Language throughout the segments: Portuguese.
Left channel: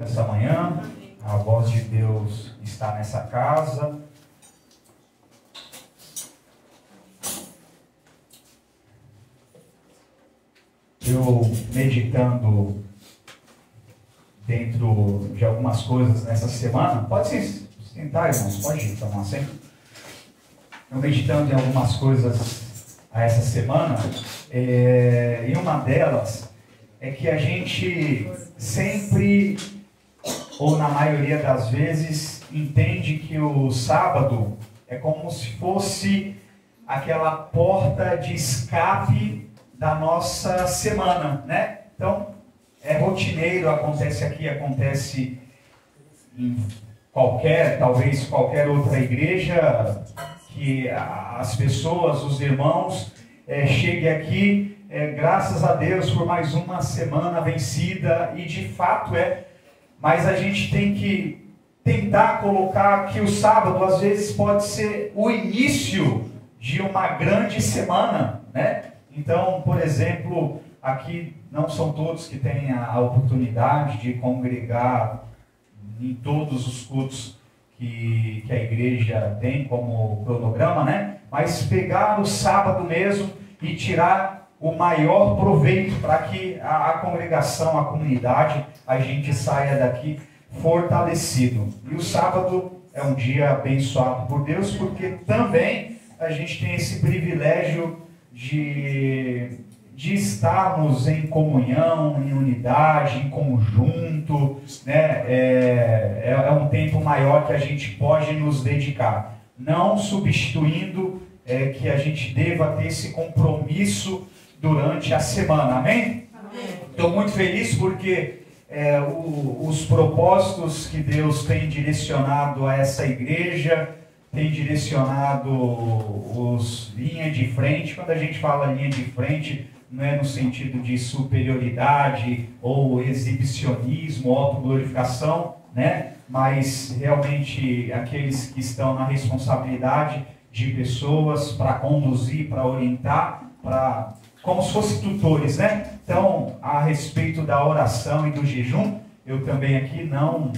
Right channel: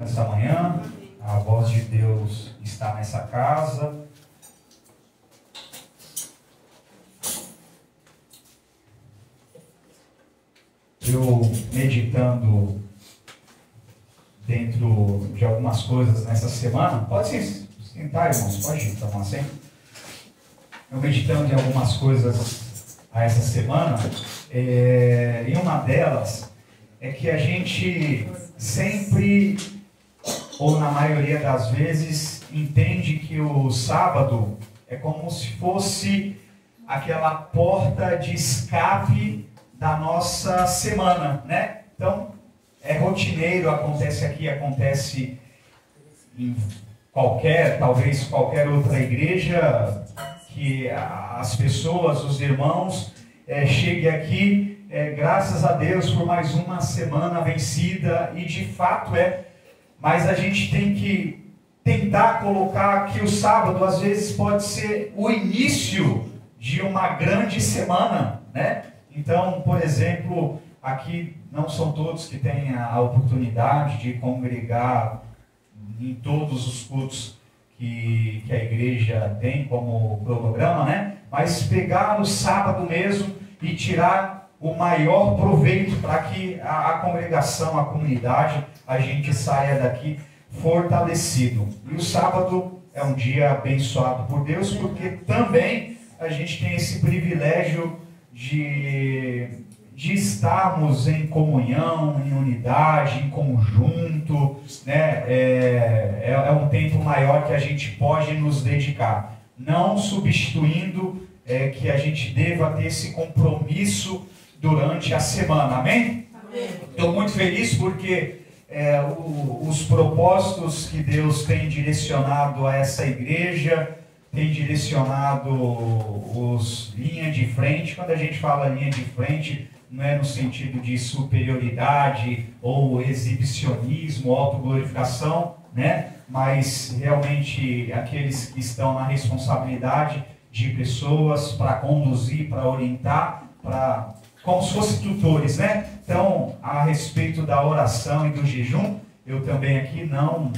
Essa manhã, a voz de Deus está nessa casa. Eu meditando dentro de algumas coisas nessa semana, pode se sentar, irmãos, pode tomar assento. Eu meditando em algumas coisas a essa semana, e uma delas é que a gente sempre, ou na maioria das vezes, entende que o sábado é como se fosse aquela porta de escape da nossa semana, né? Então, é rotineiro, acontece aqui, acontece em talvez qualquer outra igreja, que as pessoas, os irmãos, cheguem aqui, graças a Deus, por mais uma semana vencida, e de fato mas a gente tem que tentar colocar que o sábado, às vezes, pode ser o início de uma grande semana, né? Então, por exemplo, aqui não são todos que têm a oportunidade de congregar em todos os cultos que a igreja tem como cronograma, né? Mas pegar o sábado mesmo e tirar o maior proveito para que a congregação, a comunidade, a gente saia daqui fortalecido. E o sábado é um dia abençoado por Deus, porque também a gente tem esse privilégio de estarmos em comunhão, em unidade, em conjunto, né? É um tempo maior que a gente pode nos dedicar, não substituindo que a gente deva ter esse compromisso durante a semana, amém? Estou muito feliz porque os propósitos que Deus tem direcionado a essa igreja, tem direcionado os linha de frente. Quando a gente fala linha de frente, não é no sentido de superioridade ou exibicionismo, autoglorificação, né? Mas realmente aqueles que estão na responsabilidade de pessoas para conduzir, para orientar, como se fossem tutores, né? Então, a respeito da oração e do jejum, eu também aqui não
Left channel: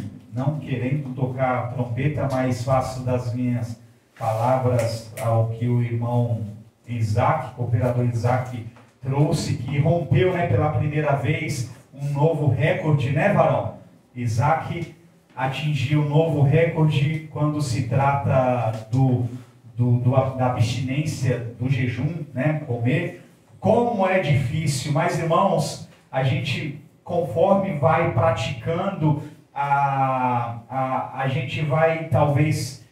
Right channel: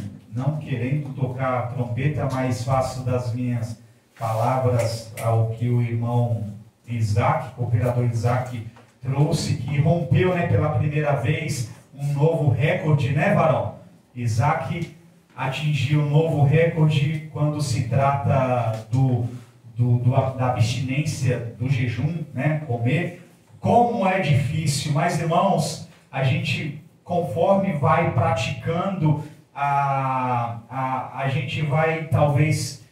querendo tocar trompeta, mas faço das minhas palavras ao que o irmão Isaac, cooperador Isaac, trouxe, que rompeu, né, pela primeira vez um novo recorde, né, varão? Isaac atingiu um novo recorde quando se trata da abstinência, do jejum, né, comer. Como é difícil, mas irmãos, a gente, conforme vai praticando, a gente vai talvez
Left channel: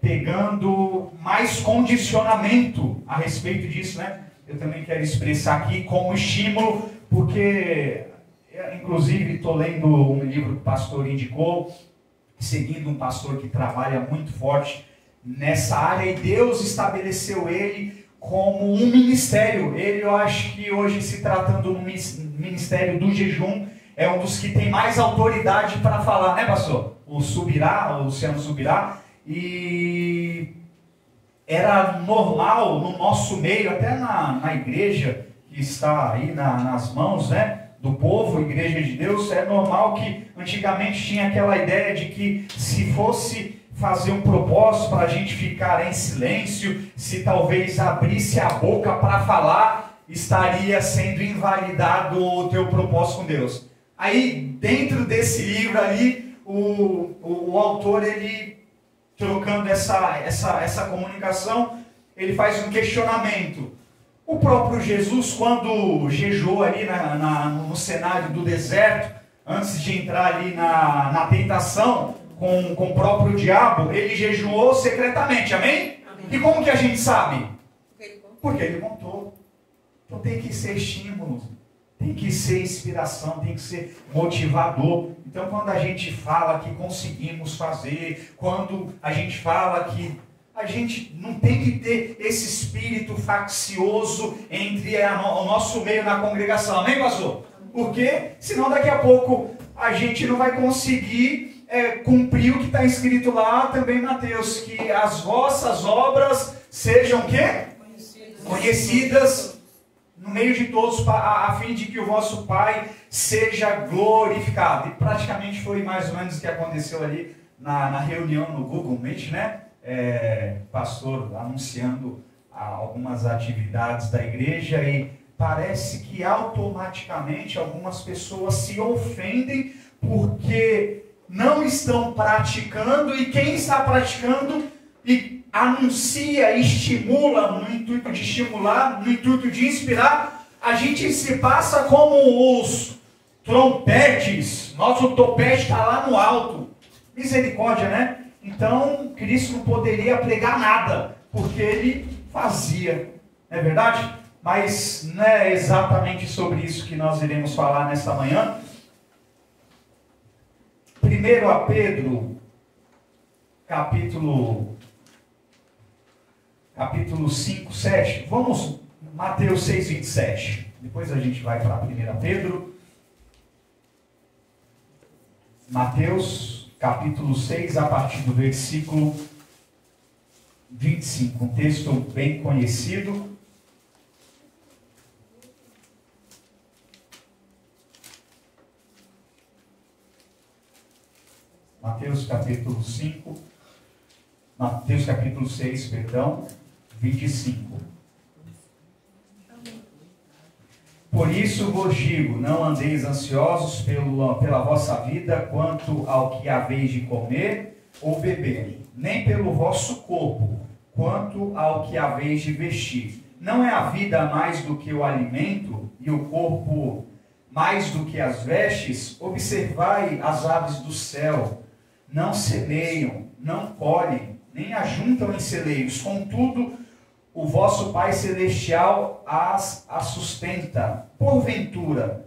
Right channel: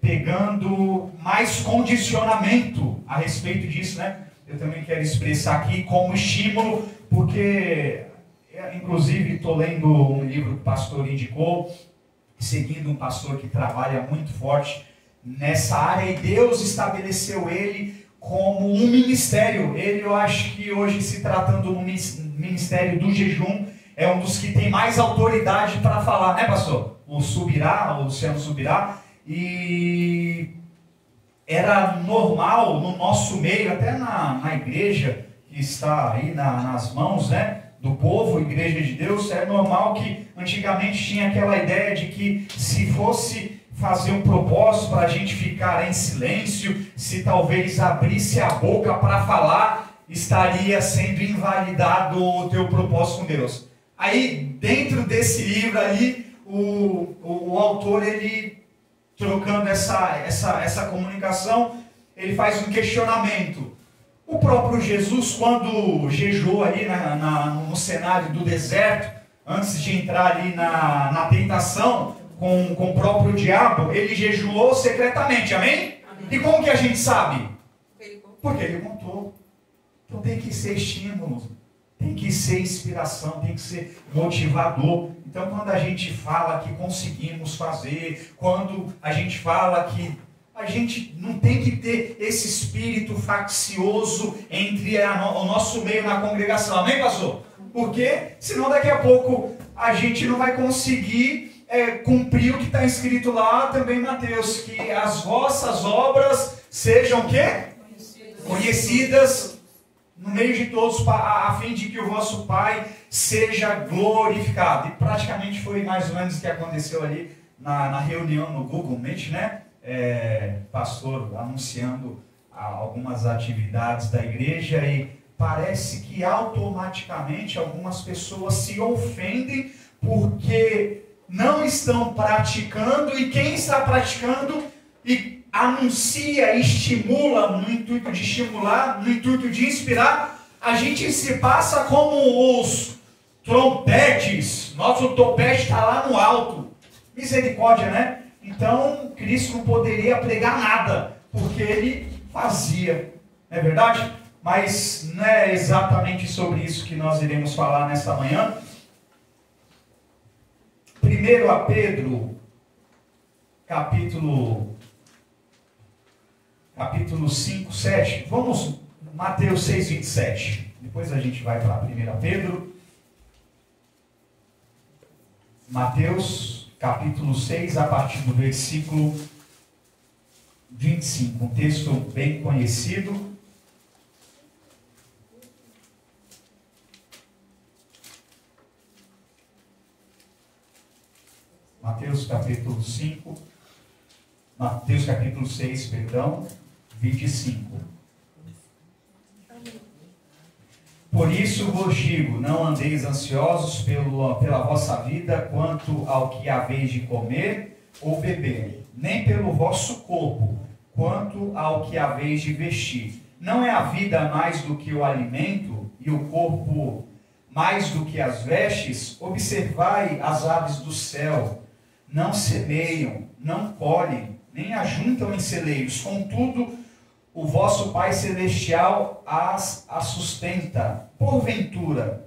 pegando mais condicionamento a respeito disso, né? Eu também quero expressar aqui como estímulo, porque inclusive estou lendo um livro que o pastor indicou, seguindo um pastor que trabalha muito forte nessa área, e Deus estabeleceu ele como um ministério. Ele, eu acho que hoje, se tratando do ministério do jejum, é um dos que tem mais autoridade para falar, né, pastor? O Luciano Subirá. E era normal no nosso meio, até na igreja que está aí nas mãos, né, do povo, Igreja de Deus, é normal que antigamente tinha aquela ideia de que se fosse fazer um propósito para a gente ficar em silêncio, se talvez abrisse a boca para falar, estaria sendo invalidado o teu propósito com Deus. Aí, dentro desse livro ali, o autor, ele, trocando essa comunicação, ele faz um questionamento. O próprio Jesus, quando jejuou ali no cenário do deserto, antes de entrar ali na tentação com o próprio diabo, ele jejuou secretamente, amém? E como que a gente sabe? Porque ele contou. Então tem que ser estímulo, tem que ser inspiração, tem que ser motivador. Então, quando a gente fala que conseguimos fazer, quando a gente fala que a gente não tem que ter esse espírito faccioso entre o nosso meio na congregação, amém, pastor? Porque senão daqui a pouco a gente não vai conseguir cumprir o que está escrito lá também em Mateus, que as vossas obras sejam o quê? Conhecidas no meio de todos, a fim de que o vosso Pai seja glorificado. E praticamente foi mais ou menos o que aconteceu ali na reunião no Google Meet, né? Pastor anunciando algumas atividades da igreja, e parece que automaticamente algumas pessoas se ofendem porque não estão praticando, e quem está praticando e anuncia, estimula, no intuito de estimular, no intuito de inspirar, a gente se passa como os trompetes. Nosso topete está lá no alto. Misericórdia, né? Então, Cristo não poderia pregar nada, porque ele fazia. Não é verdade? Mas não é exatamente sobre isso que nós iremos falar nesta manhã. 1 Pedro, capítulo 5, 7. Vamos, Mateus 6, 27. Depois a gente vai para 1 Pedro. Mateus, capítulo 6, a partir do versículo 25. Um texto bem conhecido. Mateus capítulo 6, perdão, 25. Por isso vos digo, não andeis ansiosos pela vossa vida, quanto ao que haveis de comer ou beber, nem pelo vosso corpo, quanto ao que haveis de vestir. Não é a vida mais do que o alimento, e o corpo mais do que as vestes? Observai as aves do céu, não semeiam, não colhem, nem ajuntam em celeiros, contudo, o vosso Pai Celestial as sustenta. Porventura,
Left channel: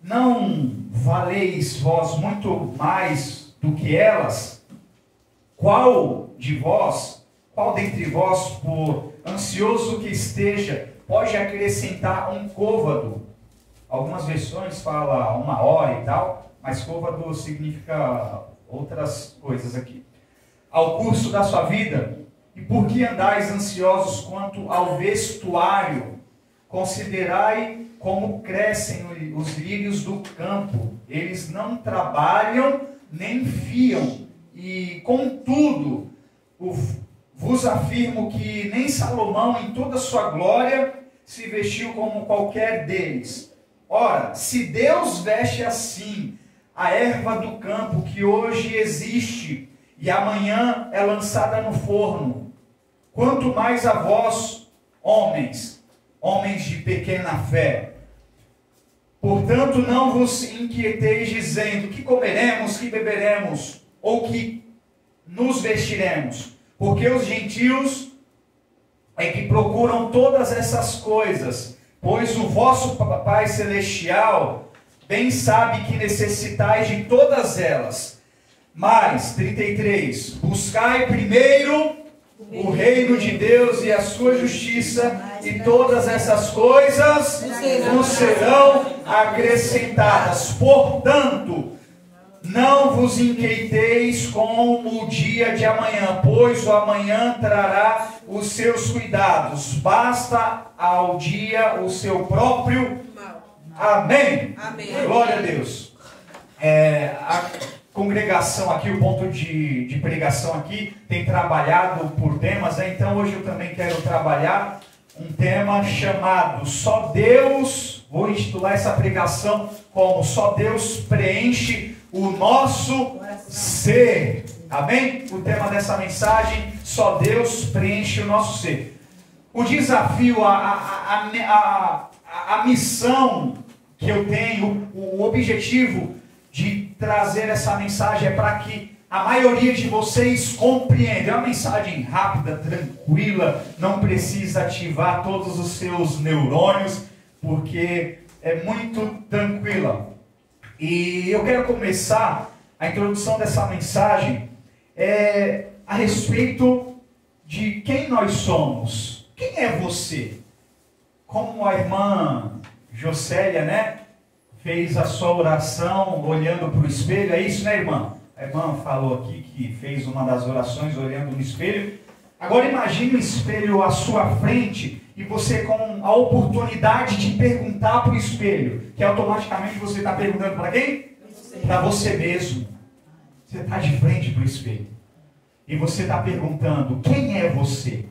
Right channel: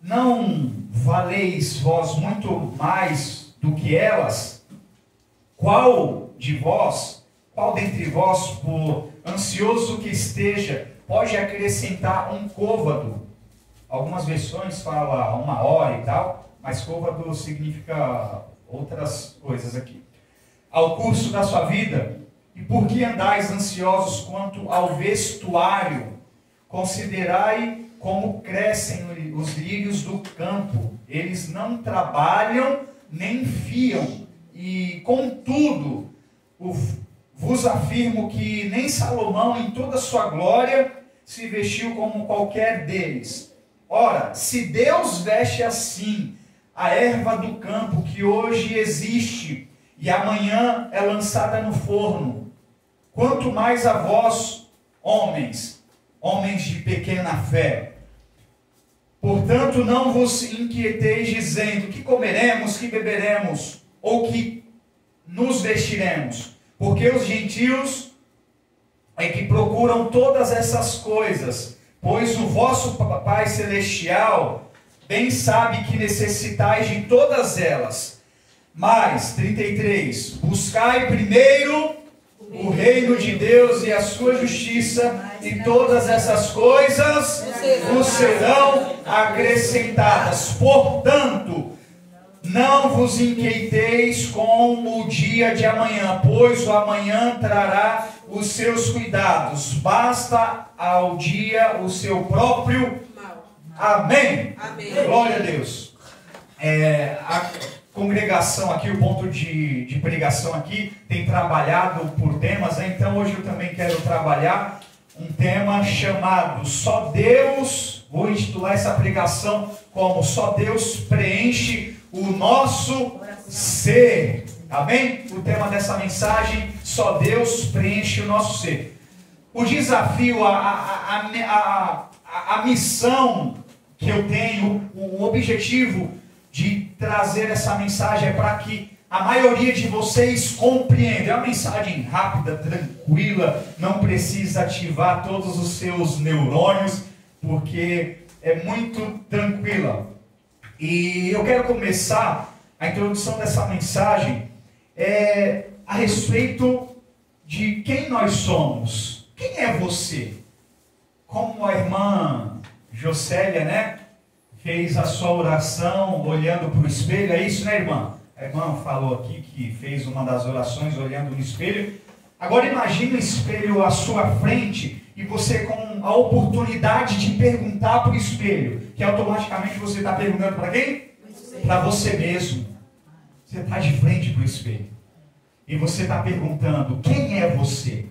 não valeis vós muito mais do que elas? Qual dentre vós, por ansioso que esteja, pode acrescentar um côvado? Algumas versões falam 1 hora e tal, mas côvado significa outras coisas aqui. Ao curso da sua vida. E por que andais ansiosos quanto ao vestuário? Considerai como crescem os lírios do campo. Eles não trabalham nem fiam. E contudo, vos afirmo que nem Salomão em toda a sua glória se vestiu como qualquer deles. Ora, se Deus veste assim a erva do campo, que hoje existe e amanhã é lançada no forno, quanto mais a vós, homens de pequena fé. Portanto, não vos inquieteis dizendo, que comeremos, que beberemos, ou que nos vestiremos, porque os gentios é que procuram todas essas coisas, pois o vosso Pai Celestial bem sabe que necessitais de todas elas. Mas, 33, buscai primeiro o reino de Deus e a sua justiça, e todas essas coisas vos serão acrescentadas. Portanto, não vos inquieteis com o dia de amanhã, pois o amanhã trará os seus cuidados. Basta ao dia o seu próprio Amém. Amém. Glória a Deus. A congregação aqui, o ponto de pregação aqui, tem trabalhado por temas, né? Então hoje eu também quero trabalhar um tema chamado Só Deus. Vou intitular essa pregação como Só Deus preenche o nosso ser. Amém? O tema dessa mensagem, Só Deus preenche o nosso ser. O desafio, a missão que eu tenho, o objetivo de trazer essa mensagem é para que a maioria de vocês compreenda. É uma mensagem rápida, tranquila, não precisa ativar todos os seus neurônios, porque é muito tranquila. E eu quero começar a introdução dessa mensagem a respeito de quem nós somos. Quem é você? Como a irmã Jocélia, né, fez a sua oração olhando para o espelho, é isso, né, irmã? A irmã falou aqui que fez uma das orações olhando no espelho. Agora imagine um espelho à sua frente e você com a oportunidade de perguntar para o espelho, que automaticamente você está perguntando para quem? Para você mesmo. Você está de frente para o espelho. E você está perguntando, quem é você?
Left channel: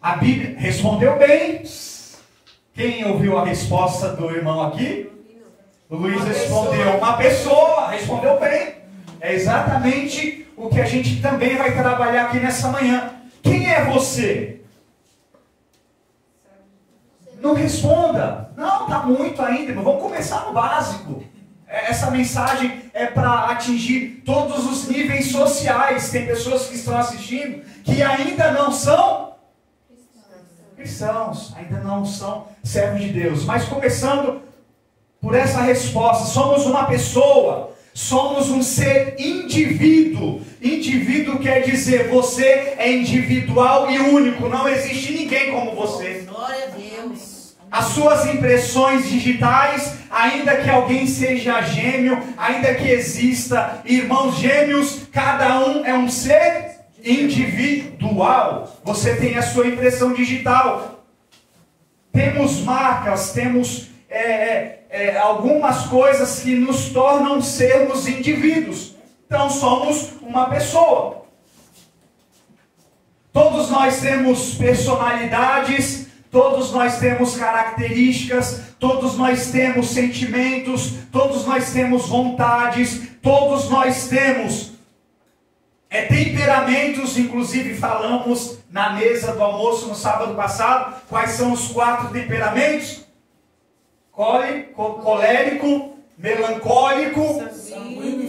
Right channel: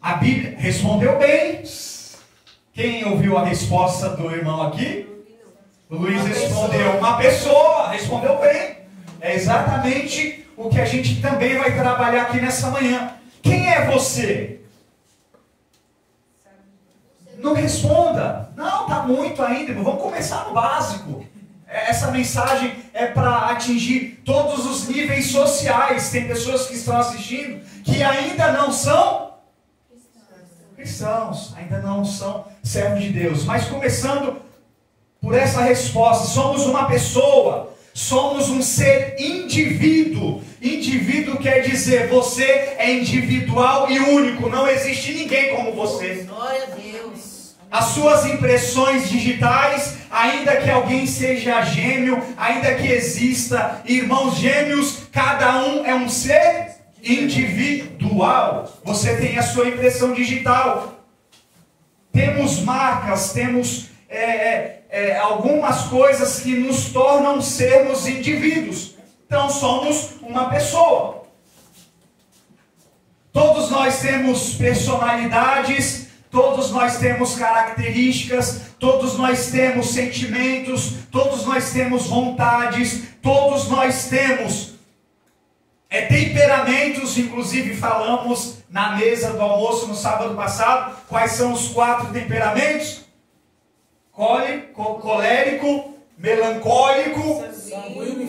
A Bíblia respondeu bem. Quem ouviu a resposta do irmão aqui? O Luiz respondeu, uma pessoa, respondeu bem. É exatamente o que a gente também vai trabalhar aqui nessa manhã. Quem é você? Não responda. Não, está muito ainda. Vamos começar no básico. Essa mensagem é para atingir todos os níveis sociais. Tem pessoas que estão assistindo que ainda não são cristãos, ainda não são servos de Deus. Mas começando por essa resposta, somos uma pessoa, somos um ser indivíduo. Indivíduo quer dizer, você é individual e único, não existe ninguém como você. Glória a Deus. As suas impressões digitais, ainda que alguém seja gêmeo, ainda que exista irmãos gêmeos, cada um é um ser individual. Você tem a sua impressão digital. Temos marcas, temos algumas coisas que nos tornam sermos indivíduos. Então somos uma pessoa. Todos nós temos personalidades, todos nós temos características, todos nós temos sentimentos, todos nós temos vontades, todos nós temos temperamentos. Inclusive falamos na mesa do almoço no sábado passado, quais são os 4 temperamentos? Colérico, melancólico,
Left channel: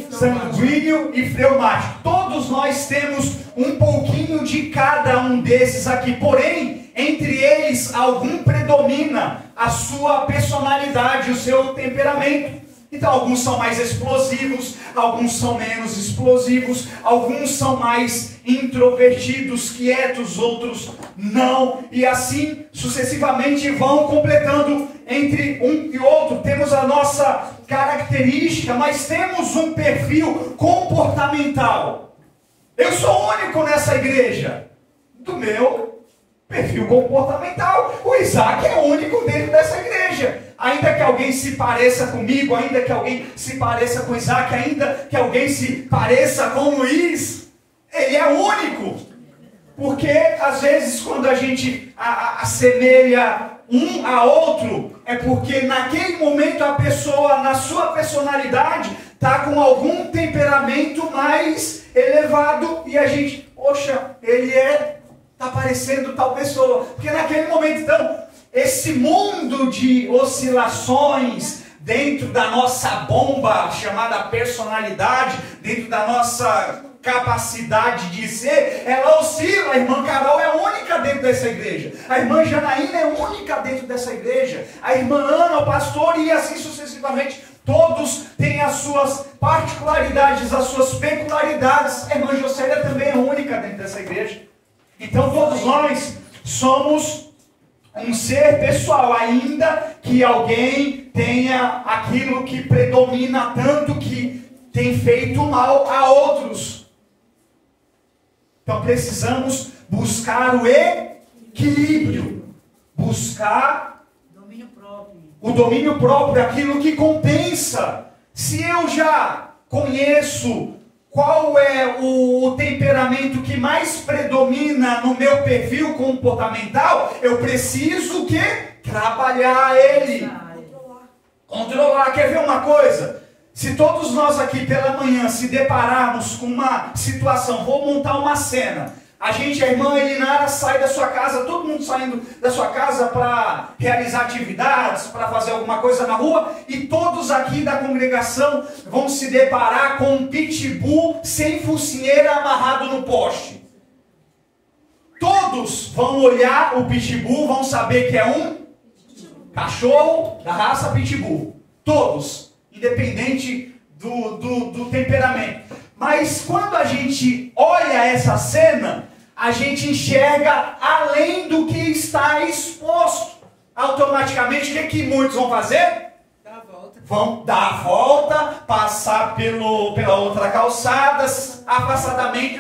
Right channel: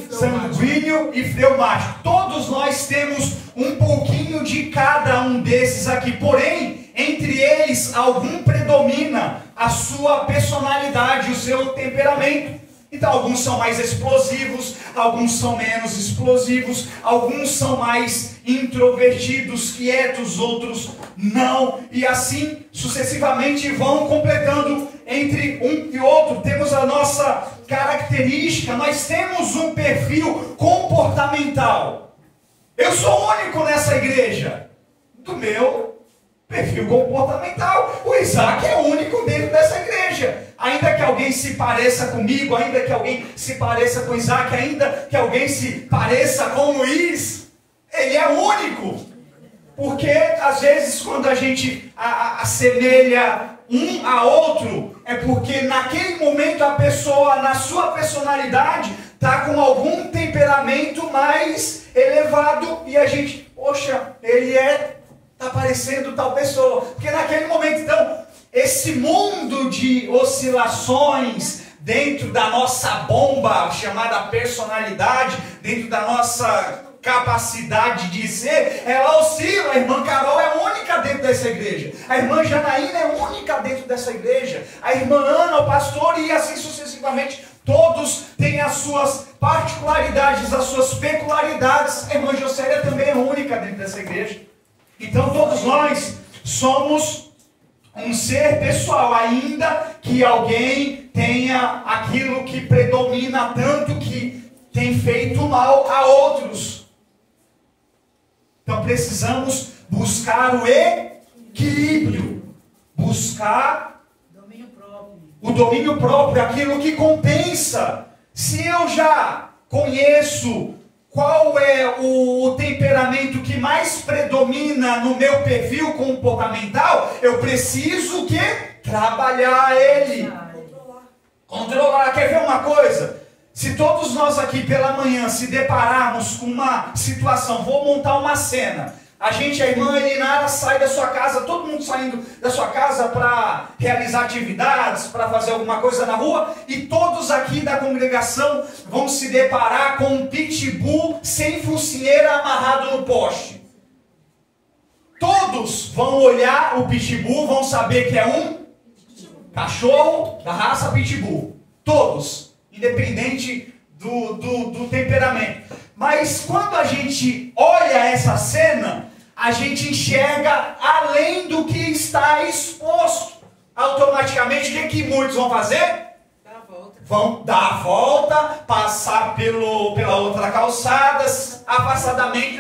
sanguíneo e fleumático. Todos nós temos um pouquinho de cada um desses aqui, porém, entre eles, algum predomina a sua personalidade, o seu temperamento. Então, alguns são mais explosivos, alguns são menos explosivos, alguns são mais introvertidos, quietos, outros não, e assim sucessivamente vão completando entre um e outro. Temos a nossa característica, mas temos um perfil comportamental. Eu sou único nessa igreja, do meu perfil comportamental. O Isaac é o único dentro dessa igreja. Ainda que alguém se pareça comigo, ainda que alguém se pareça com Isaac, ainda que alguém se pareça com o Luiz, ele é único. Porque às vezes quando a gente assemelha um a outro, é porque naquele momento a pessoa, na sua personalidade, está com algum temperamento mais elevado e a gente, poxa, ele está parecendo tal pessoa. Porque naquele momento, então, esse mundo de oscilações dentro da nossa bomba chamada personalidade, dentro da nossa capacidade de ser, ela oscila. A irmã Carol é única dentro dessa igreja, a irmã Janaína é única dentro dessa igreja, a irmã Ana, o pastor, e assim sucessivamente. Todos têm as suas particularidades, as suas peculiaridades. A irmã Jocélia também é única dentro dessa igreja. Então todos nós somos um ser pessoal, ainda que alguém tenha aquilo que predomina tanto, que tem feito mal a outros. Então precisamos buscar o equilíbrio, buscar o domínio próprio, aquilo que compensa. Se eu já conheço qual é o temperamento que mais predomina no meu perfil comportamental, eu preciso o quê? Trabalhar ele. Controlar. Quer ver uma coisa? Se todos nós aqui pela manhã se depararmos com uma situação, vou montar uma cena, a irmã Elinara sai da sua casa, todo mundo saindo da sua casa para realizar atividades, para fazer alguma coisa na rua, e todos aqui da congregação vão se deparar com um pitbull sem focinheira amarrado no poste. Todos vão olhar o pitbull, vão saber que é um cachorro da raça pitbull. Todos, independente do temperamento. Mas quando a gente olha essa cena, a gente enxerga além do que está exposto. Automaticamente, o que muitos vão fazer? Vão dar a volta, passar pela outra calçada, afastadamente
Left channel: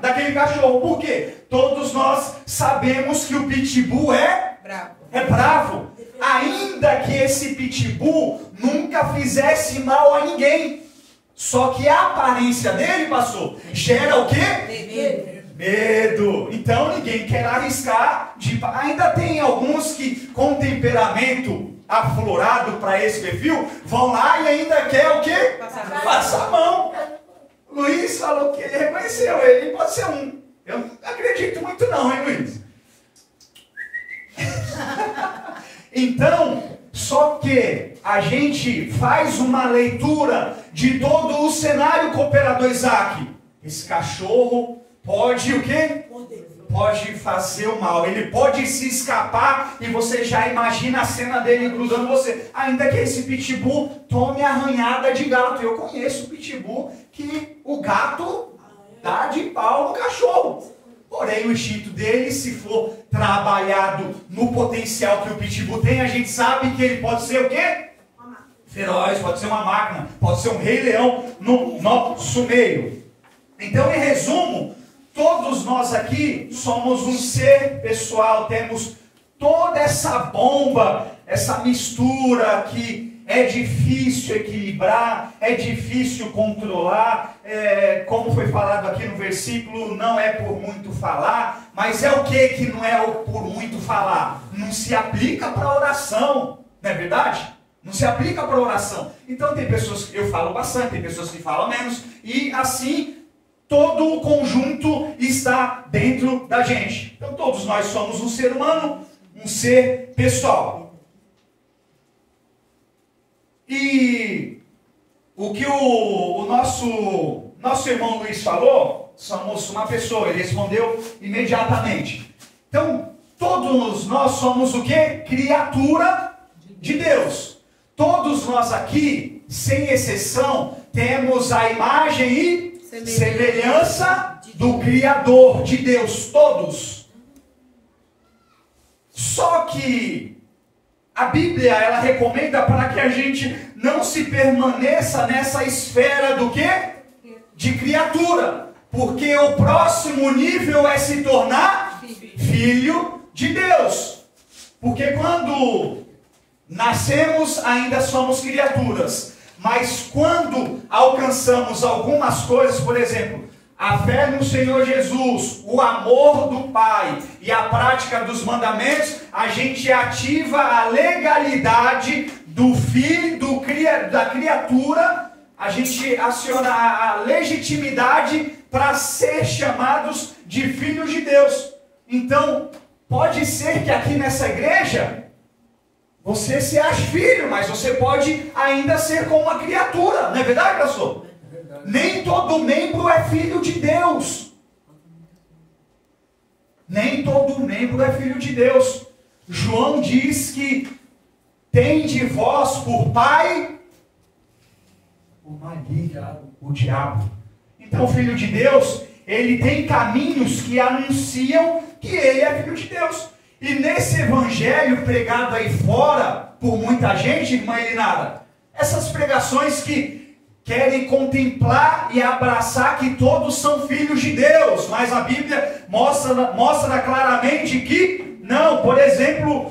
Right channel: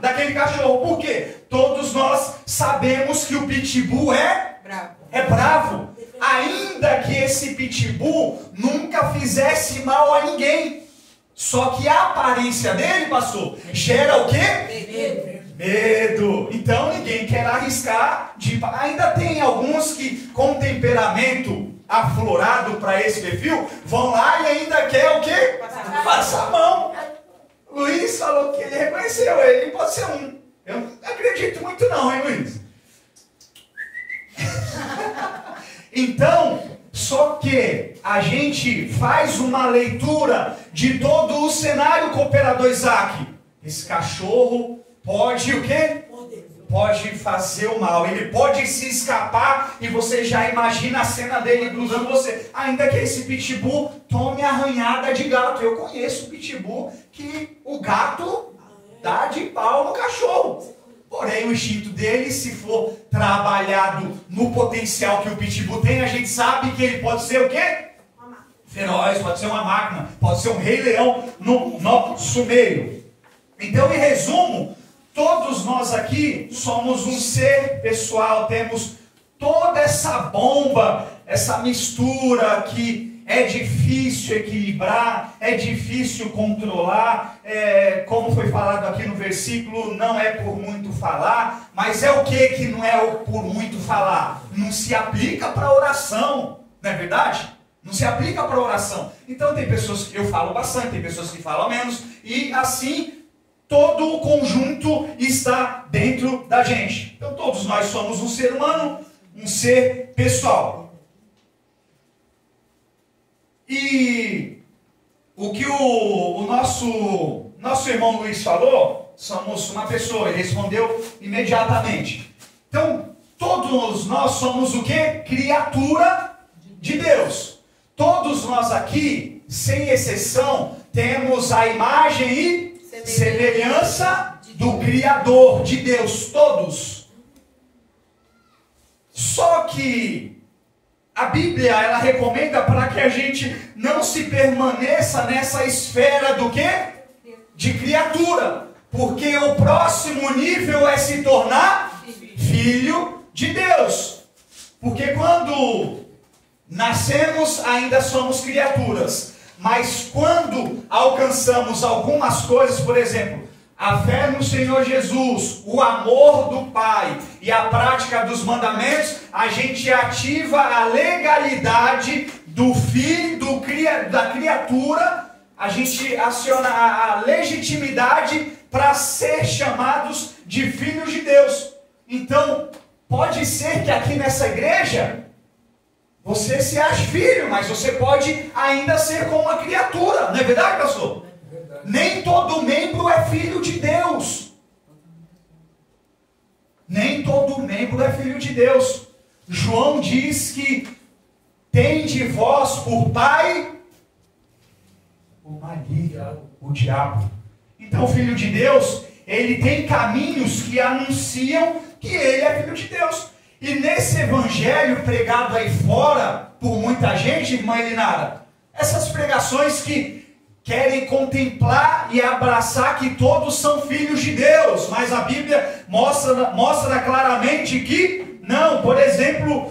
daquele cachorro. Por quê? Todos nós sabemos que o pitbull é é bravo. Ainda que esse pitbull nunca fizesse mal a ninguém. Só que a aparência dele, pastor, gera o quê? Medo. Então ninguém quer arriscar. Ainda tem alguns que com temperamento aflorado para esse perfil, vão lá e ainda quer o quê? Passar a mão. Luiz falou que ele reconheceu, ele pode ser um. Eu não acredito muito não, hein, Luiz? Então, só que a gente faz uma leitura de todo o cenário Cooperador Isaac. Esse cachorro pode o quê? Pode fazer o mal, ele pode se escapar e você já imagina a cena dele cruzando você. Ainda que esse pitbull tome arranhada de gato. Eu conheço pitbull que o gato dá de pau no cachorro. Porém, o instinto dele, se for trabalhado no potencial que o pitbull tem, a gente sabe que ele pode ser o quê? Feroz, pode ser uma máquina, pode ser um rei leão no nosso meio. Então, em resumo, todos nós aqui somos um ser pessoal, temos toda essa bomba, essa mistura que é difícil equilibrar, é difícil controlar, como foi falado aqui no versículo, não é por muito falar, mas é o que não é por muito falar? Não se aplica para oração, não é verdade? Não se aplica para oração. Então tem pessoas que eu falo bastante, tem pessoas que falam menos, e assim todo o conjunto está dentro da gente. Então todos nós somos um ser humano, um ser pessoal. E o que o nosso irmão Luiz falou, somos uma pessoa, ele respondeu imediatamente. Então, todos nós somos o quê? Criatura de Deus. Todos nós aqui, sem exceção, temos a imagem e semelhança do Criador de Deus, todos. Só que a Bíblia, ela recomenda para que a gente não se permaneça nessa esfera do quê? De criatura. Porque o próximo nível é se tornar filho de Deus. Porque quando nascemos, ainda somos criaturas. Mas quando alcançamos algumas coisas, por exemplo, a fé no Senhor Jesus, o amor do Pai e a prática dos mandamentos, a gente ativa a legalidade do filho, da criatura, a gente aciona a legitimidade para ser chamados de filhos de Deus. Então, pode ser que aqui nessa igreja você se ache filho, mas você pode ainda ser como uma criatura, não é verdade, pastor? Nem todo membro é filho de Deus. Nem todo membro é filho de Deus. João diz que tem de vós por pai o maligno, o diabo. Então o filho de Deus, ele tem caminhos que anunciam que ele é filho de Deus. E nesse evangelho pregado aí fora por muita gente, irmã Elinara, essas pregações que querem contemplar e abraçar que todos são filhos de Deus, mas a Bíblia mostra claramente que não. Por exemplo,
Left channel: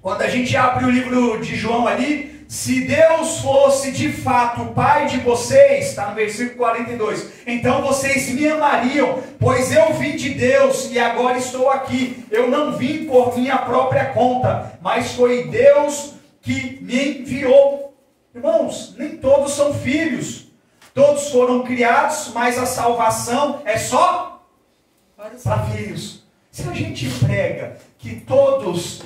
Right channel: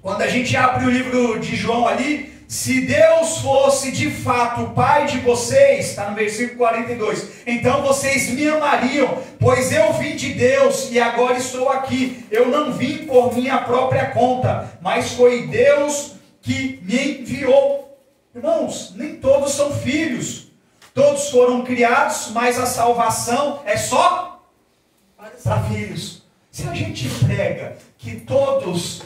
quando a gente abre o livro de João ali, se Deus fosse de fato o Pai de vocês, está no versículo 42, então vocês me amariam, pois eu vim de Deus e agora estou aqui. Eu não vim por minha própria conta, mas foi Deus que me enviou. Irmãos, nem todos são filhos. Todos foram criados, mas a salvação é só para filhos. Se a gente prega que todos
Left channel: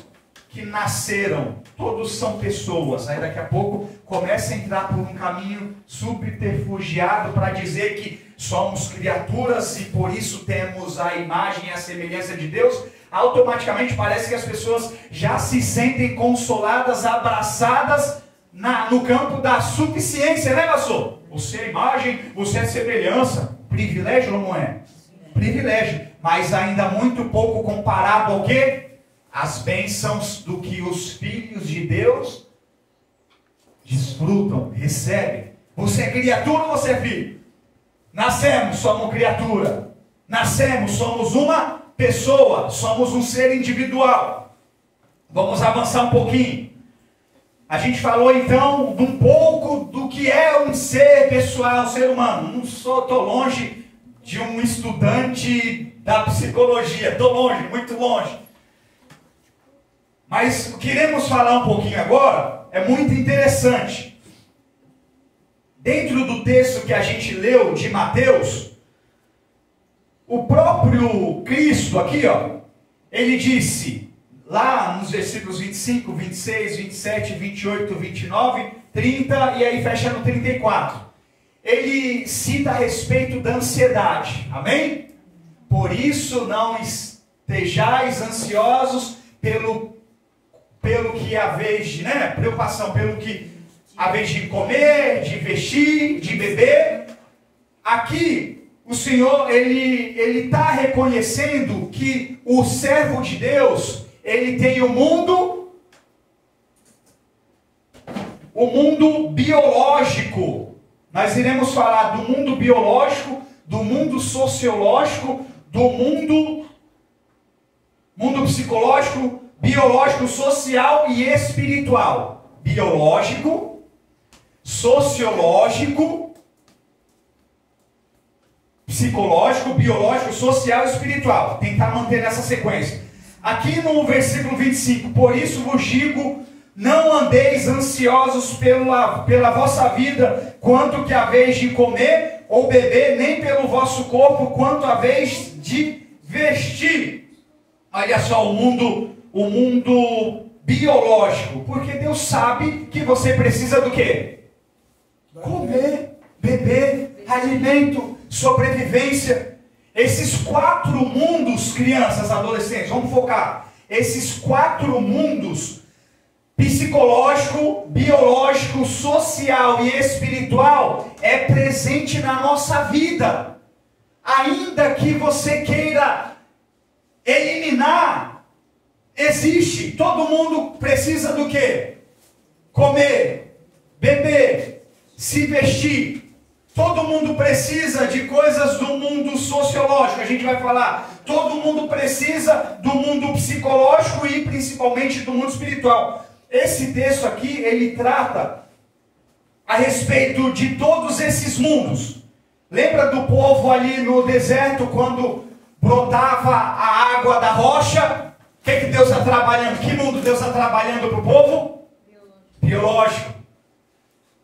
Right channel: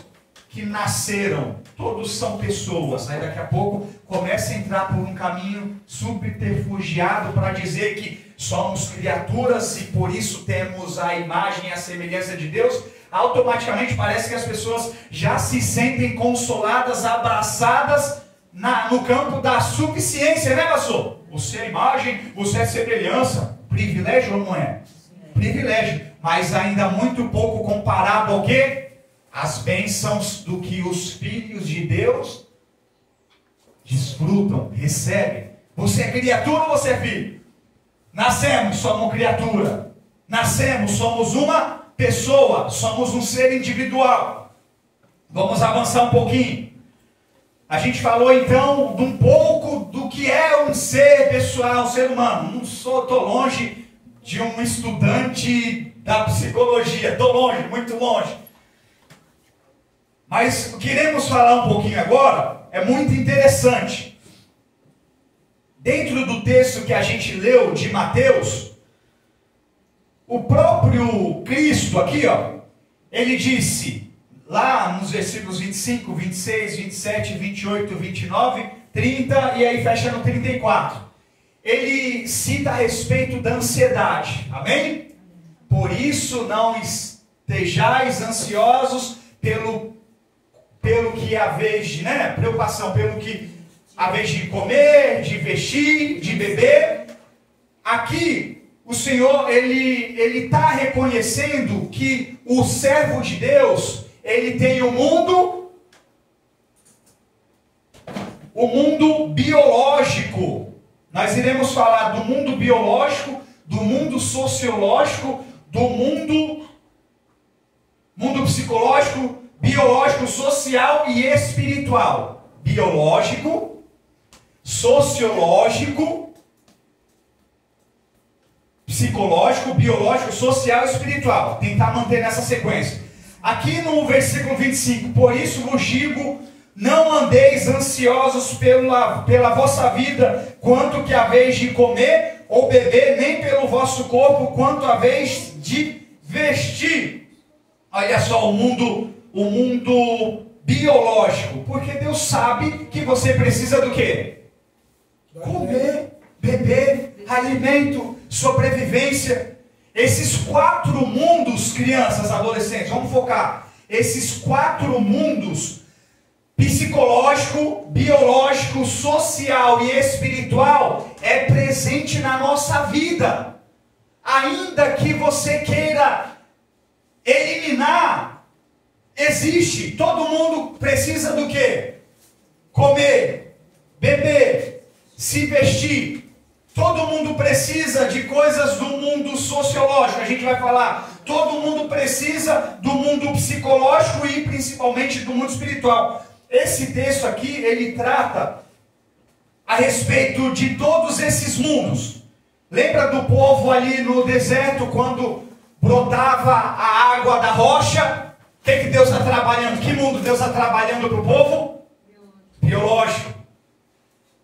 que nasceram, todos são pessoas, aí daqui a pouco começa a entrar por um caminho subterfugiado para dizer que somos criaturas e por isso temos a imagem e a semelhança de Deus, automaticamente parece que as pessoas já se sentem consoladas, abraçadas no campo da suficiência, né, pastor? Você é imagem, você é semelhança. Privilégio ou não é? Privilégio, mas ainda muito pouco comparado ao quê? As bênçãos do que os filhos de Deus desfrutam, recebem. Você é criatura ou você é filho? Nascemos, somos criatura. Nascemos, somos uma pessoa, somos um ser individual. Vamos avançar um pouquinho. A gente falou então de um pouco do que é um ser pessoal, um ser humano. Não estou longe de um estudante da psicologia, estou longe, muito longe. Mas queremos falar um pouquinho agora, é muito interessante. Dentro do texto que a gente leu de Mateus, o próprio Cristo aqui, ó, ele disse, lá nos versículos 25, 26, 27, 28, 29, 30 e aí fecha no 34. Ele cita a respeito da ansiedade, amém? Por isso não estejais ansiosos pelo que é a vez de, preocupação, pelo que a vez de comer, de vestir, de beber. Aqui o Senhor, ele está reconhecendo que o servo de Deus, ele tem o mundo biológico. Nós iremos falar do mundo biológico, do mundo sociológico, do mundo psicológico, biológico, social e espiritual. Biológico, sociológico, psicológico, biológico, social e espiritual. Tentar manter nessa sequência. Aqui no versículo 25, por isso vos digo, não andeis ansiosos pela vossa vida, quanto que a vez de comer ou beber, nem pelo vosso corpo, quanto a vez de vestir. Olha só o mundo biológico, porque Deus sabe que você precisa do quê? Comer, beber, alimento, sobrevivência. Esses 4 mundos, crianças, adolescentes, vamos focar. Esses 4 mundos, psicológico, biológico, social e espiritual, é presente na nossa vida. Ainda que você queira eliminar, existe. Todo mundo precisa do quê? Comer, beber, se vestir. Todo mundo precisa de coisas do mundo sociológico, a gente vai falar. Todo mundo precisa do mundo psicológico e principalmente do mundo espiritual. Esse texto aqui, ele trata a respeito de todos esses mundos. Lembra do povo ali no deserto, quando brotava a água da rocha? O que Deus está trabalhando? Que mundo Deus está trabalhando para o povo? Biológico.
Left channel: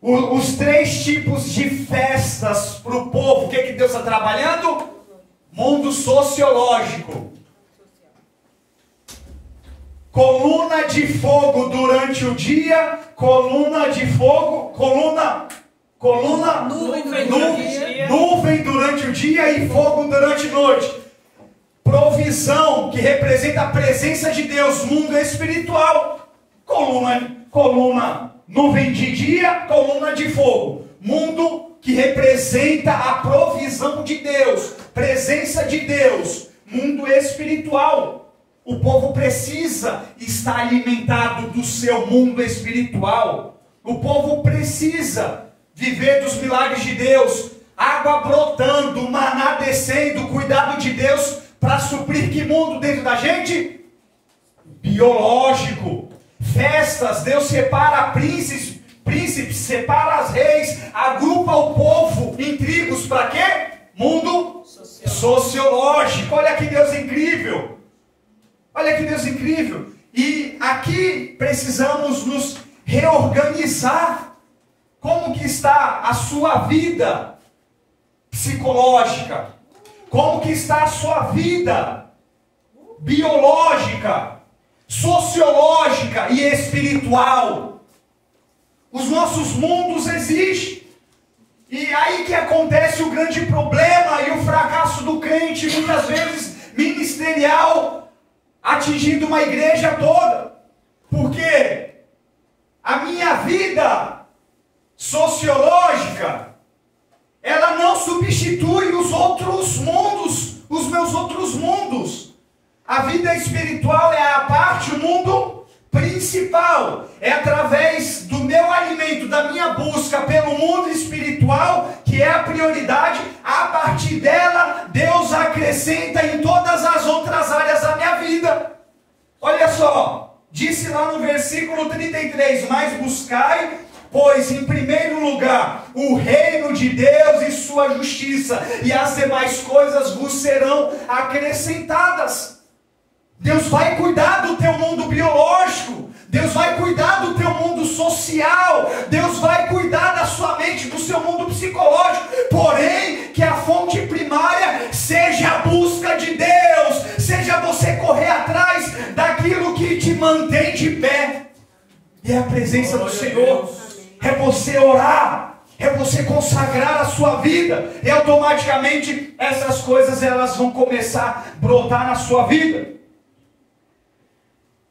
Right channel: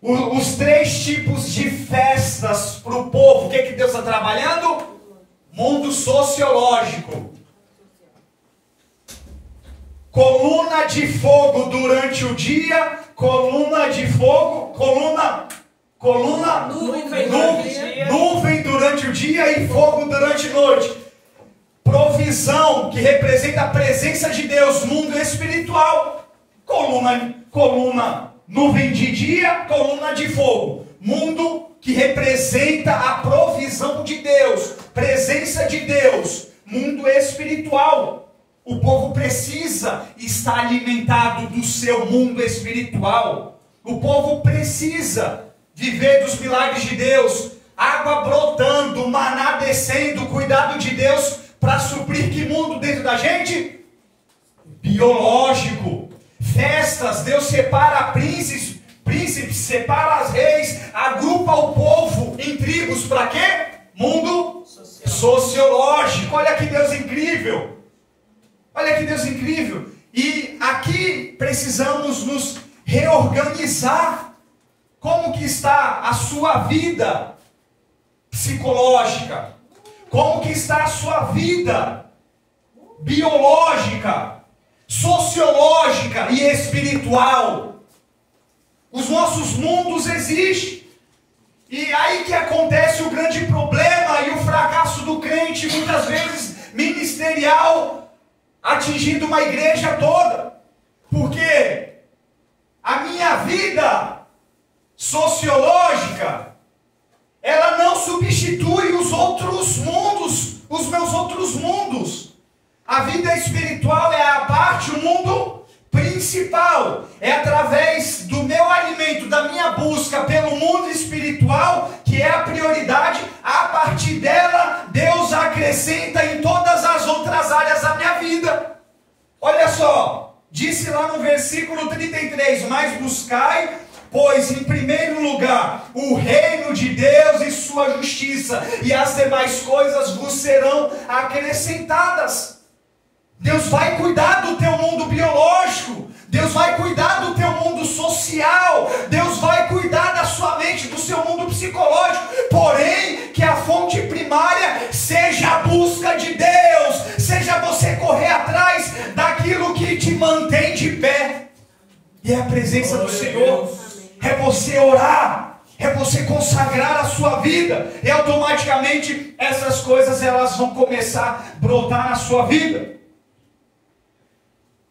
Os 3 tipos de festas para o povo, o que Deus está trabalhando? Mundo sociológico. Coluna de fogo durante o dia, coluna de fogo, nuvem durante o dia e fogo durante a noite. Provisão, que representa a presença de Deus, mundo espiritual. Coluna, nuvem de dia, coluna de fogo. Mundo que representa a provisão de Deus, presença de Deus, mundo espiritual. O povo precisa estar alimentado do seu mundo espiritual. O povo precisa viver dos milagres de Deus. Água brotando, maná descendo, cuidado de Deus para suprir que mundo dentro da gente? Biológico. Festas, Deus separa príncipes, separa as reis, agrupa o povo em tribos para quê? Mundo sociológico. Olha que Deus incrível. Olha que Deus incrível. E aqui precisamos nos reorganizar. Como que está a sua vida psicológica? Como que está a sua vida biológica, sociológica e espiritual? Os nossos mundos existem. E aí que acontece o grande problema e o fracasso do crente, muitas vezes ministerial, atingindo uma igreja toda. Porque a minha vida sociológica, ela não substitui os outros mundos, os meus outros mundos. A vida espiritual é a parte, o mundo principal. É através do meu alimento, da minha busca pelo mundo espiritual, que é a prioridade. A partir dela, Deus acrescenta em todas as outras áreas da minha vida. Olha só, Disse lá no versículo 33, mas buscai, pois em primeiro lugar o reino de Deus e sua justiça, e as demais coisas vos serão acrescentadas. Deus vai cuidar do teu mundo biológico, Deus vai cuidar do teu mundo social, Deus vai cuidar da sua mente, do seu mundo psicológico, porém que a fonte primária seja a busca de Deus, seja você correr atrás daquilo que te mantém de pé, e é a presença do Senhor, é você orar, é você consagrar a sua vida, e automaticamente essas coisas elas vão começar a brotar na sua vida.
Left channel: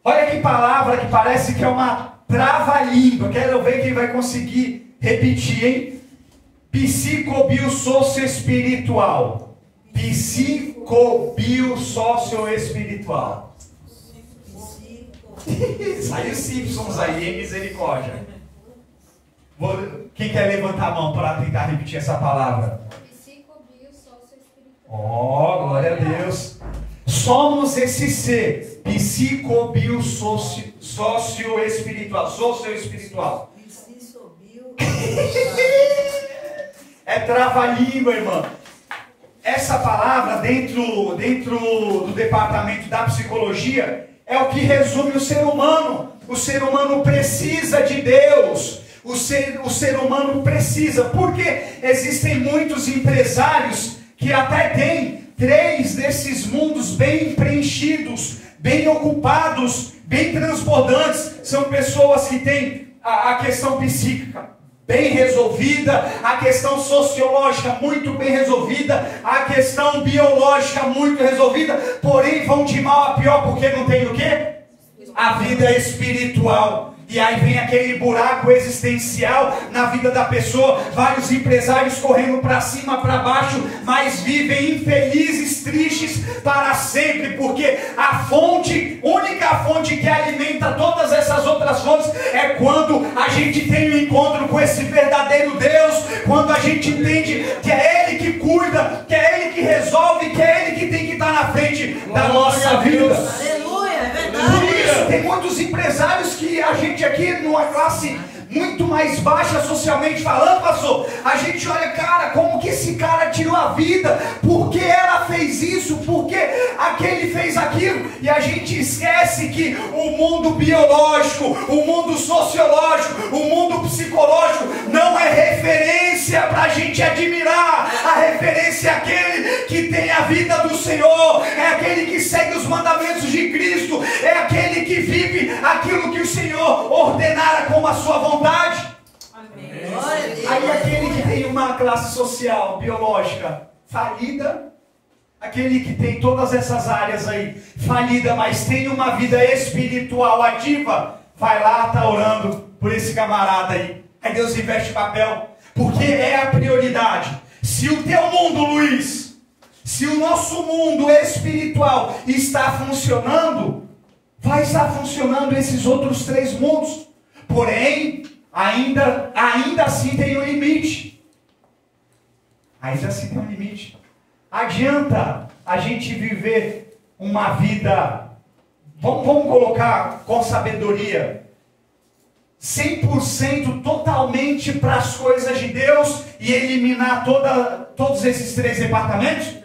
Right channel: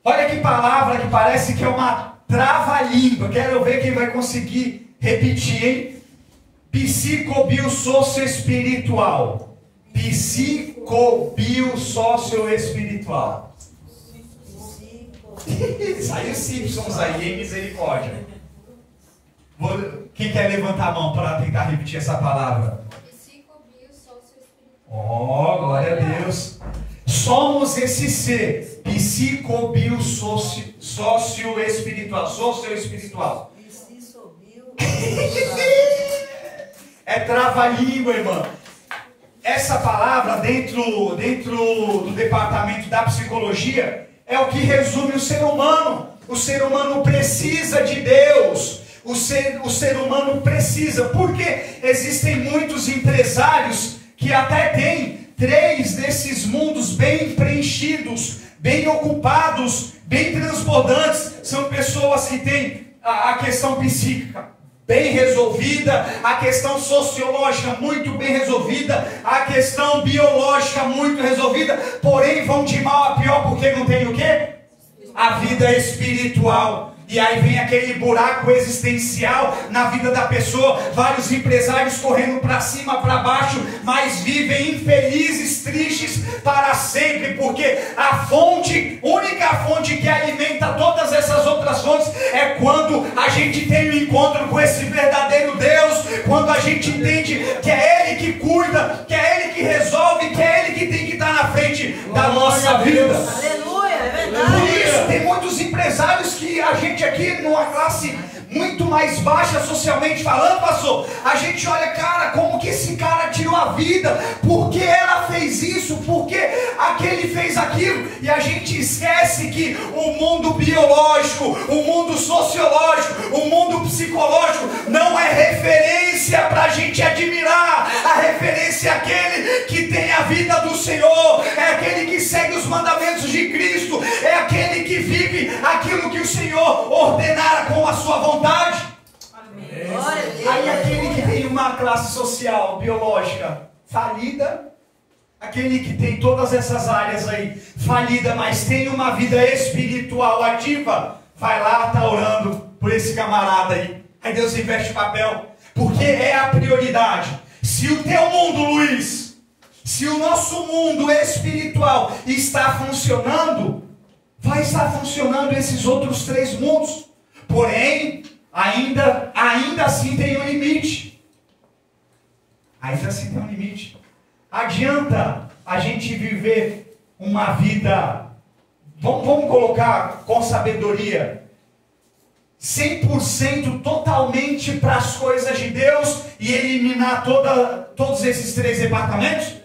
Olha que palavra que parece que é uma trava-língua. Quero ver quem vai conseguir repetir, hein? Psicobiossocio-espiritual. Psicobiossocio-espiritual. Saiu Simpsons aí, hein? Misericórdia. Quem quer levantar a mão para tentar repetir essa palavra? Oh, glória a Deus. Somos esse ser psicobiossocio-espiritual. Socio-espiritual. É trava-língua, irmão. Essa palavra dentro do departamento da psicologia é o que resume o ser humano. O ser humano precisa de Deus. O ser humano precisa. Porque existem muitos empresários que até têm 3 desses mundos bem preenchidos, bem ocupados, bem transbordantes. São pessoas que têm a questão psíquica bem resolvida, a questão sociológica muito bem resolvida, a questão biológica muito resolvida, porém vão de mal a pior porque não tem o quê? A vida espiritual. E aí vem aquele buraco existencial na vida da pessoa, vários empresários correndo para cima, para baixo, mas vivem infelizes, tristes para sempre, porque a única fonte que alimenta todas essas outras fontes é quando a gente tem um encontro com esse verdadeiro Deus, quando a gente entende que é Ele que cuida, que é Ele que resolve, que é Ele que tem que estar na frente da nossa vida. Por isso, tem muitos empresários que a gente aqui, numa classe muito mais baixa socialmente falando, pastor, a gente olha, cara, como que esse cara tirou a vida, por que ela fez isso, por que aquele fez aquilo, e a gente esquece que o mundo biológico, o mundo sociológico, o mundo psicológico não é referência para a gente admirar. A referência é aquele que tem a vida do Senhor, é aquele que segue os mandamentos de Cristo, é aquele que vive aquilo que o Senhor ordenara com a sua vontade. Aí aquele que tem uma classe social, biológica falida, aquele que tem todas essas áreas aí falida, mas tem uma vida espiritual ativa, vai lá, tá orando por esse camarada aí. Aí Deus investe papel, porque é a prioridade. Se o teu mundo, Luiz, se o nosso mundo espiritual está funcionando, vai estar funcionando esses outros 3 mundos. Porém, ainda assim tem um limite. Ainda assim tem um limite. Adianta a gente viver uma vida, vamos colocar com sabedoria, 100% totalmente para as coisas de Deus e eliminar todos esses 3 departamentos?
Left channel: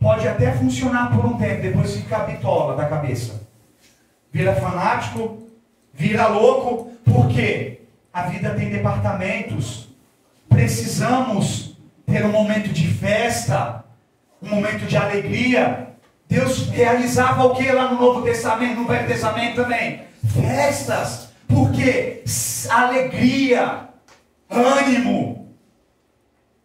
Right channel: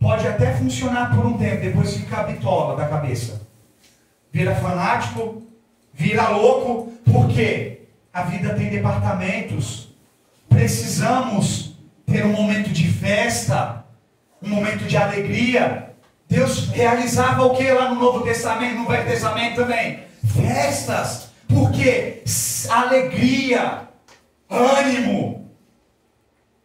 Pode até funcionar por um tempo, depois fica bitola da cabeça. Vira fanático, vira louco, porque a vida tem departamentos. Precisamos ter um momento de festa, um momento de alegria. Deus realizava o que lá no Novo Testamento, no Velho Testamento também? Festas. Porque alegria, ânimo,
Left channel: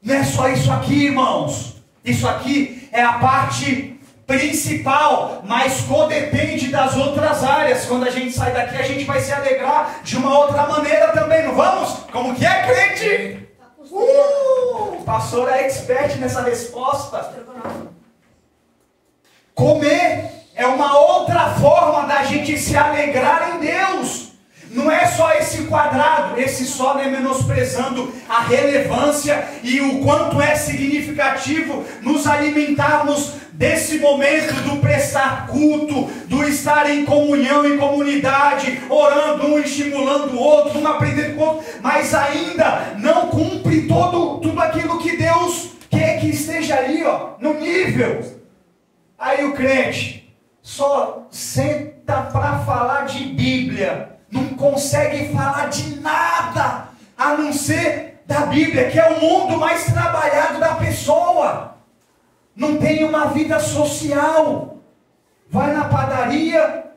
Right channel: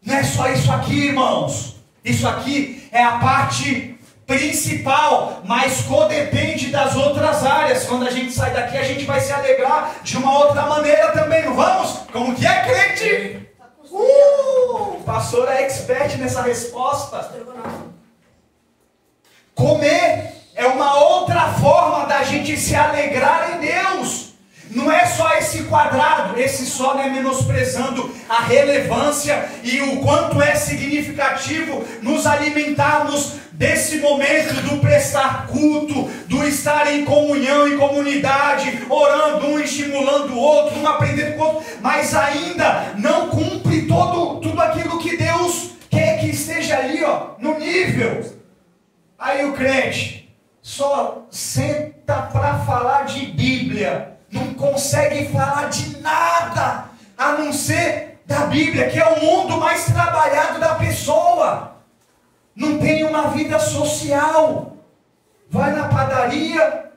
não é só isso aqui, irmãos. Isso aqui é a parte principal, mas codepende das outras áreas. Quando a gente sai daqui, a gente vai se alegrar de uma outra maneira também, não vamos? Como que é, crente? O pastor é expert nessa resposta. Comer é uma outra forma da gente se alegrar em Deus. Não é só esse quadrado, esse só não é menosprezando a relevância e o quanto é significativo nos alimentarmos desse momento do prestar culto, do estar em comunhão, em comunidade, orando um, estimulando o outro, um aprendendo com o outro, mas ainda não cumpre tudo aquilo que Deus quer que esteja ali, ó, no nível. Aí o crente só senta para falar de Bíblia, não consegue falar de nada, a não ser da Bíblia, que é o mundo mais trabalhado da pessoa. Não tem uma vida social. Vai na padaria,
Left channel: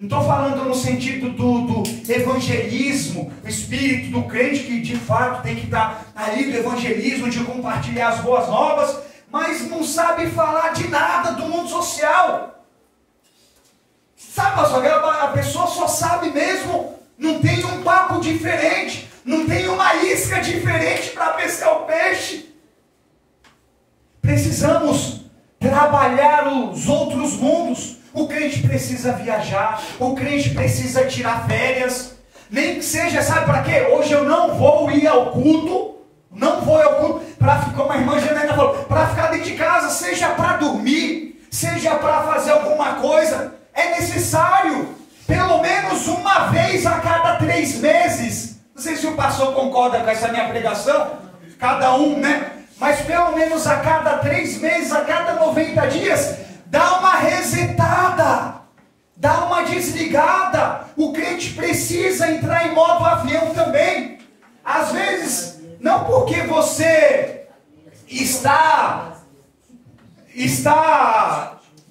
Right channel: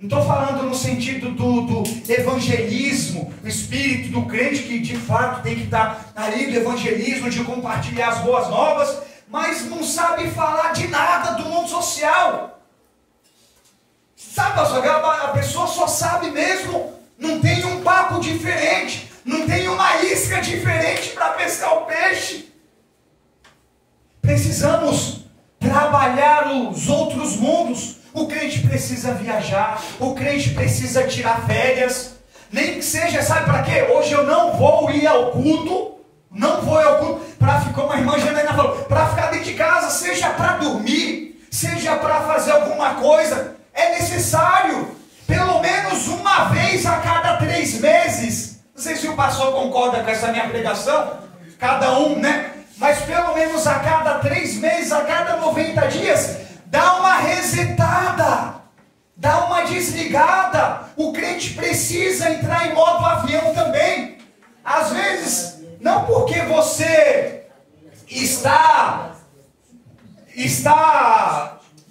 não estou falando no sentido do evangelismo, o espírito do crente que de fato tem que estar ali do evangelismo, de compartilhar as boas novas, mas não sabe falar de nada do mundo social. Sabe, pastor, a pessoa só sabe mesmo, não tem um papo diferente, não tem uma isca diferente para pescar o peixe. Precisamos trabalhar os outros mundos. O crente precisa viajar, o crente precisa tirar férias, nem que seja, sabe para quê? Hoje eu não vou ir ao culto, para ficar, uma irmã Janaína falou, para ficar dentro de casa, seja para dormir, seja para fazer alguma coisa, é necessário, pelo menos uma vez a cada 3 meses, não sei se o pastor concorda com essa minha pregação, cada um, né? Mas pelo menos a cada 3 meses, a cada 90 dias, dá uma resetada, dá uma desligada. O crente precisa entrar em modo avião também. Às vezes, não porque você está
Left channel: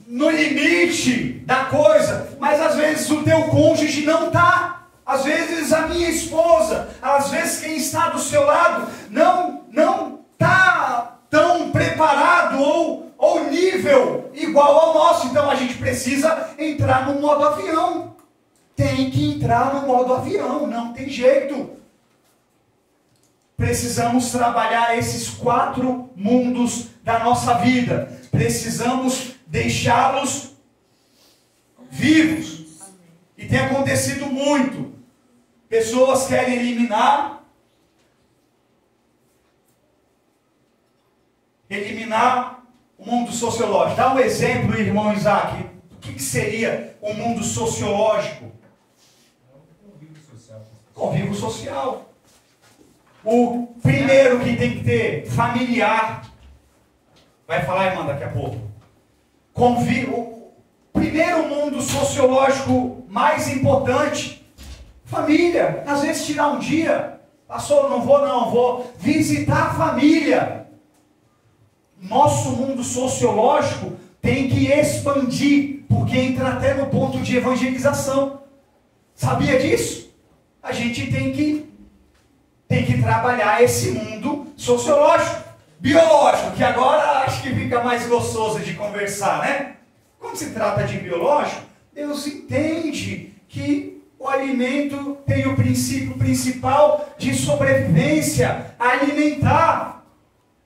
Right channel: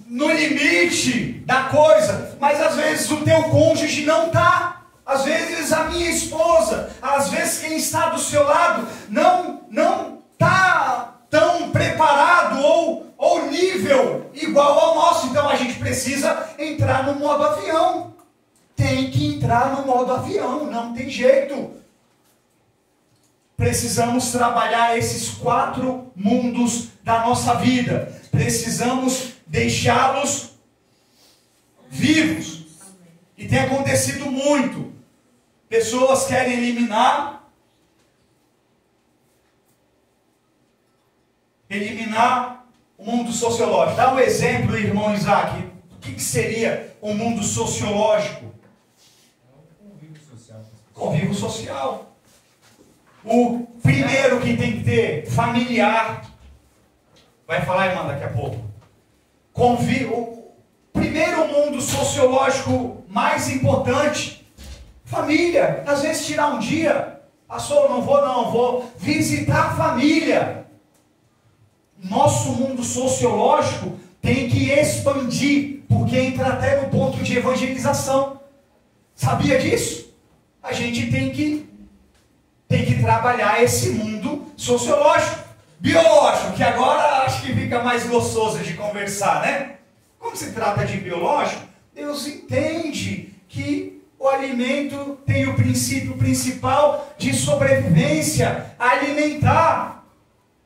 no limite da coisa, mas às vezes o teu cônjuge não está. Às vezes a minha esposa, às vezes quem está do seu lado, não está tão preparado ou nível igual ao nosso. Então a gente precisa entrar no modo avião. Tem que entrar no modo avião, não tem jeito. Precisamos trabalhar esses 4 mundos da nossa vida. Precisamos deixá-los vivos. E tem acontecido muito. Pessoas querem eliminar o mundo sociológico. Dá um exemplo, irmão Isaac. O que seria o mundo sociológico? Convívio social. O primeiro que tem que ter, familiar. Vai falar, irmã, daqui a pouco. O primeiro mundo sociológico mais importante, família. Às vezes tirar um dia, pastor, vou visitar a família. Nosso mundo sociológico tem que expandir, porque entra até no ponto de evangelização. Sabia disso? A gente tem que trabalhar esse mundo sociológico, biológico, que agora acho que fica mais gostoso de conversar, né? Quando se trata de biológico, Deus entende que o alimento tem o princípio principal de sobrevivência, alimentar.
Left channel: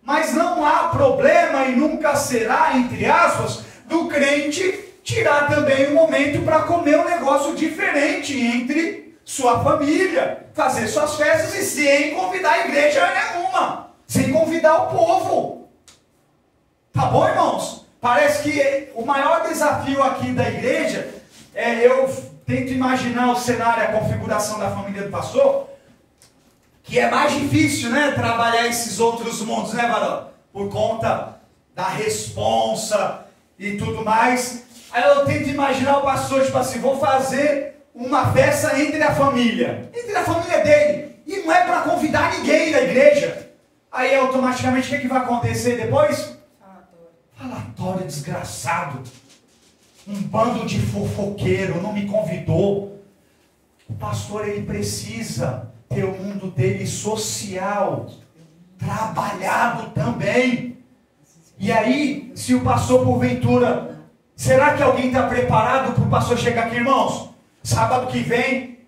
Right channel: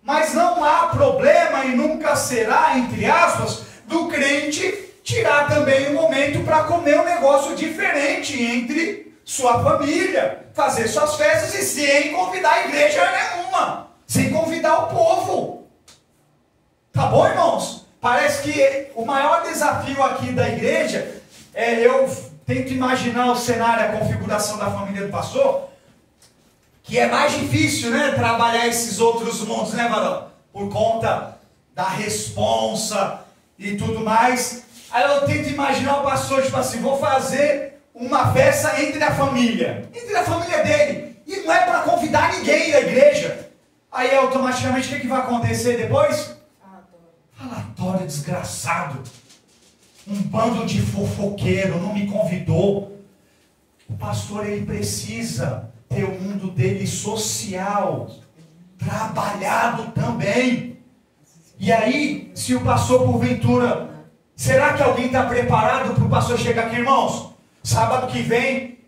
Mas não há problema e nunca será, entre aspas, do crente tirar também um momento para comer um negócio diferente entre sua família, fazer suas festas e sem convidar a igreja nenhuma, sem convidar o povo. Tá bom, irmãos? Parece que o maior desafio aqui da igreja eu tento imaginar o cenário, a configuração da família do pastor, que é mais difícil, né, trabalhar esses outros mundos, né, varão? Por conta da responsa e tudo mais. Aí eu tento imaginar o pastor, tipo assim, vou fazer uma festa entre a família dele. E não é para convidar ninguém da igreja. Aí automaticamente o que vai acontecer depois? Falatório desgraçado. Um bando de fofoqueiro, não me convidou. O pastor, ele precisa ter o mundo dele social, trabalhado também. E aí, se o pastor porventura, será que alguém está preparado para o pastor chegar aqui, irmãos? Sábado que vem,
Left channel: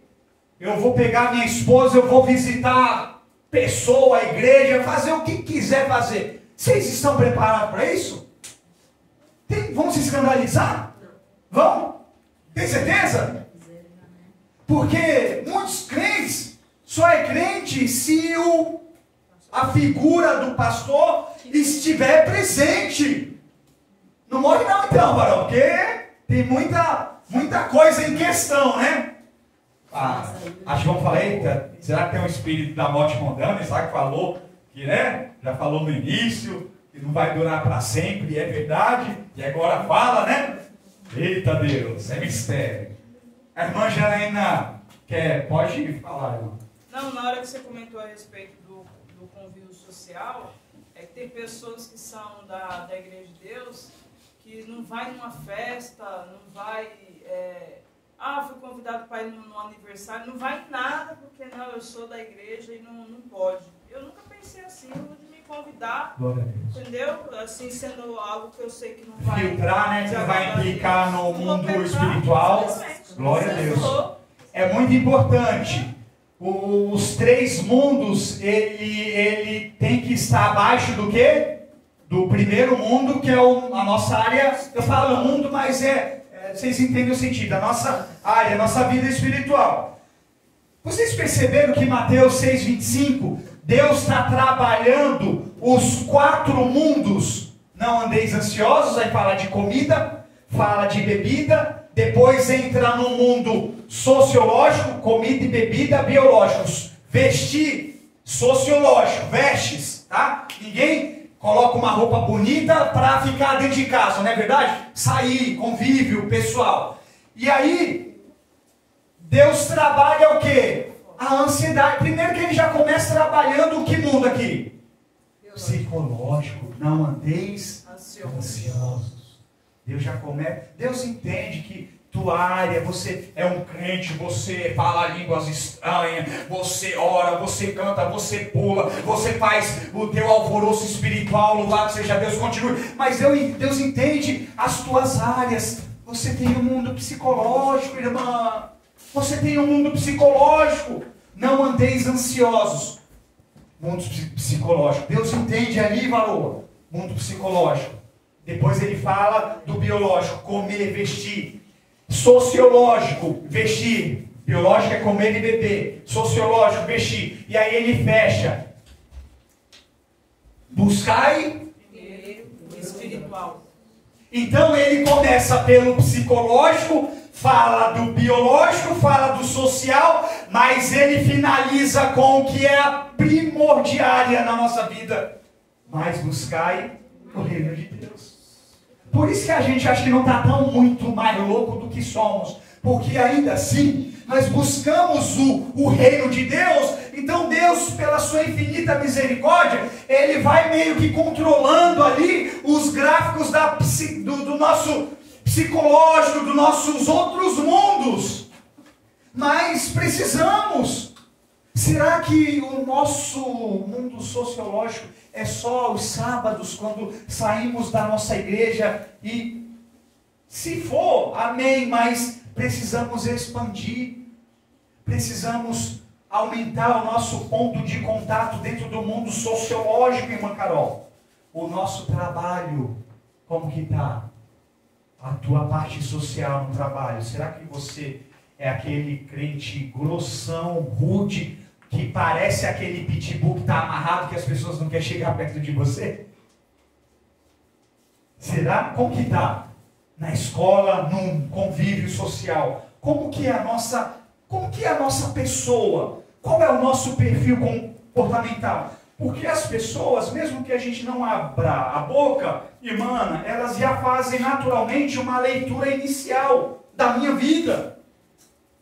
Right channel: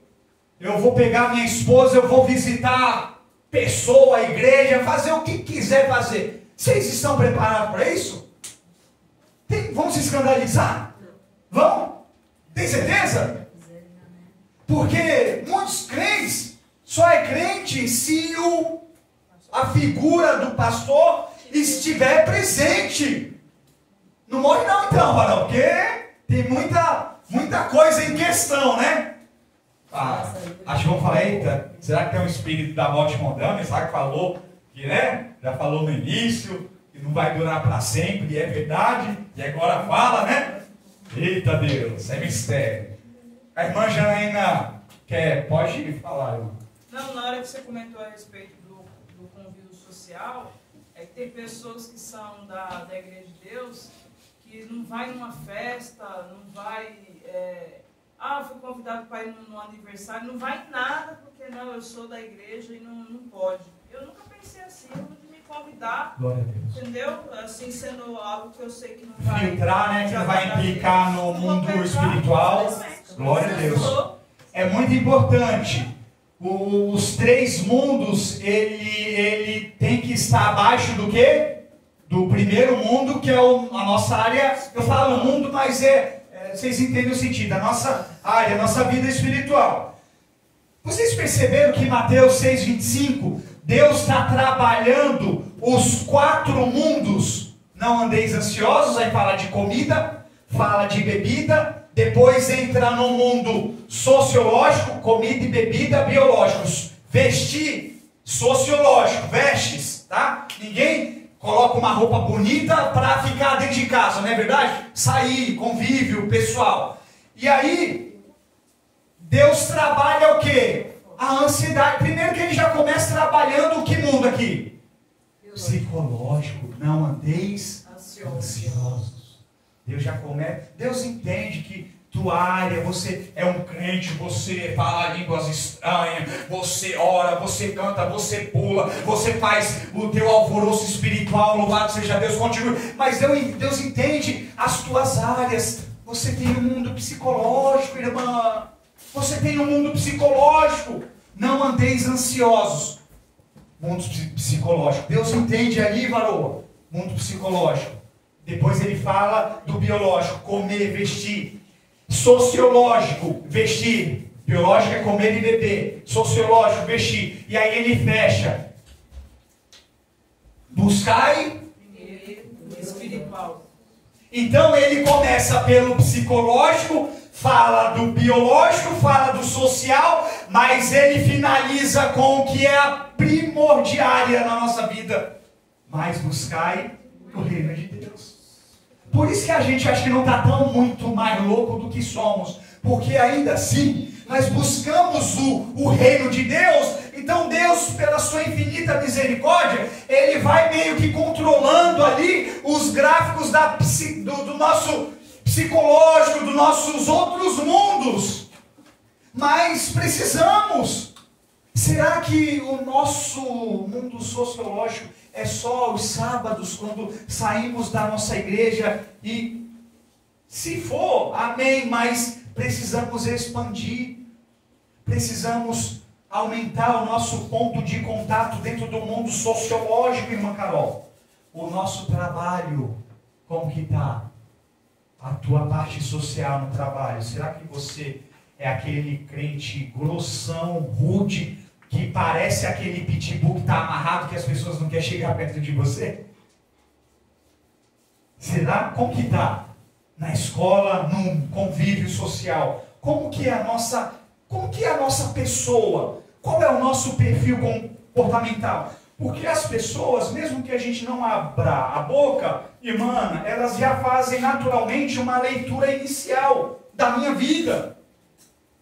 eu vou pegar minha esposa, eu vou visitar pessoa, a igreja, fazer o que quiser fazer. Vocês estão preparados para isso? Vão se escandalizar? Vão? Tem certeza? Porque muitos crentes só é crente se a figura do pastor estiver presente. Não morre não então, varão, porque tem muita coisa em questão, né? Acho que vamos falar, eita, será que tem um espírito da morte mondana? Será que falou que, né? Já falou no início, que não vai durar para sempre, e é verdade, e agora fala, né? Eita Deus, é mistério. A irmã Janaína pode falar, irmã. Não, na hora que você comentou a respeito do convívio social, é que tem pessoas que são da Igreja de Deus que não vai numa festa, não vai... fui convidado para ir no aniversário, não vai em nada, porque não, eu sou da igreja e não pode. Eu nunca pensei assim, eu vou me convidar, entendeu? Assim, sendo algo que eu sei que não vai... Filtrar, né? Que não vai implicar no mundo espiritual. Glória a Deus. É muito importante. Os três mundos, ele tem que estar abaixo do quê? Do primeiro mundo, que é a nossa área. Eu falo mundo, mas vocês entendem o sentido. A nossa área, a nossa vida espiritual. Vocês perceberam que em Mateus 6,25, Deus está trabalhando os 4 mundos. Não andeis ansiosos, aí fala de comida, fala de bebida, depois entra no mundo sociológico, comida e bebida, biológicos. Vestir, sociológico, vestes, tá? Ninguém coloca uma roupa bonita para ficar dentro de casa, não é verdade? Sair, convívio, pessoal. E aí, Deus trabalha o quê? A ansiedade. Primeiro que ele já começa trabalhando que mundo aqui? Psicológico. Não andeis ansiosos. Deus já começa. Deus entende que tua área, você é um crente, você fala línguas estranhas, você ora, você canta, você pula, você faz o teu alvoroço espiritual, louvado seja Deus, continue. Mas Deus entende as tuas áreas. Você tem um mundo psicológico, irmã. Você tem um mundo psicológico. Não andeis ansiosos. Mundo psicológico. Deus entende aí, varoa. Mundo psicológico. Depois ele fala do biológico. Comer, vestir. Sociológico, vestir. Biológico é comer e beber. Sociológico, vestir. E aí ele fecha. Buscai. Espiritual. Então ele começa pelo psicológico, fala do biológico, fala do social, mas ele finaliza com o que é a primordiária na nossa vida. Mas buscai o reino de Deus. Por isso que a gente acha que não está tão muito mais louco do que somos. Porque ainda assim, nós buscamos o reino de Deus. Então Deus, pela sua infinita misericórdia, Ele vai meio que controlando ali os gráficos do nosso psicológico, dos nossos outros mundos. Mas precisamos. Será que o nosso mundo sociológico é só os sábados, quando saímos da nossa igreja? E se for, amém, mas precisamos expandir. Precisamos aumentar o nosso ponto de contato dentro do mundo sociológico, irmã Carol. O nosso trabalho, como que está? A tua parte social no trabalho. Será que você é aquele crente grossão, rude, que parece aquele pitbull que está amarrado, que as pessoas não querem chegar perto de você? Será? Como que está? Na escola, num convívio social. Como que é a nossa pessoa? Qual é o nosso perfil comportamental? Porque as pessoas, mesmo que a gente não abra a boca, irmã, elas já fazem naturalmente uma leitura inicial da minha vida.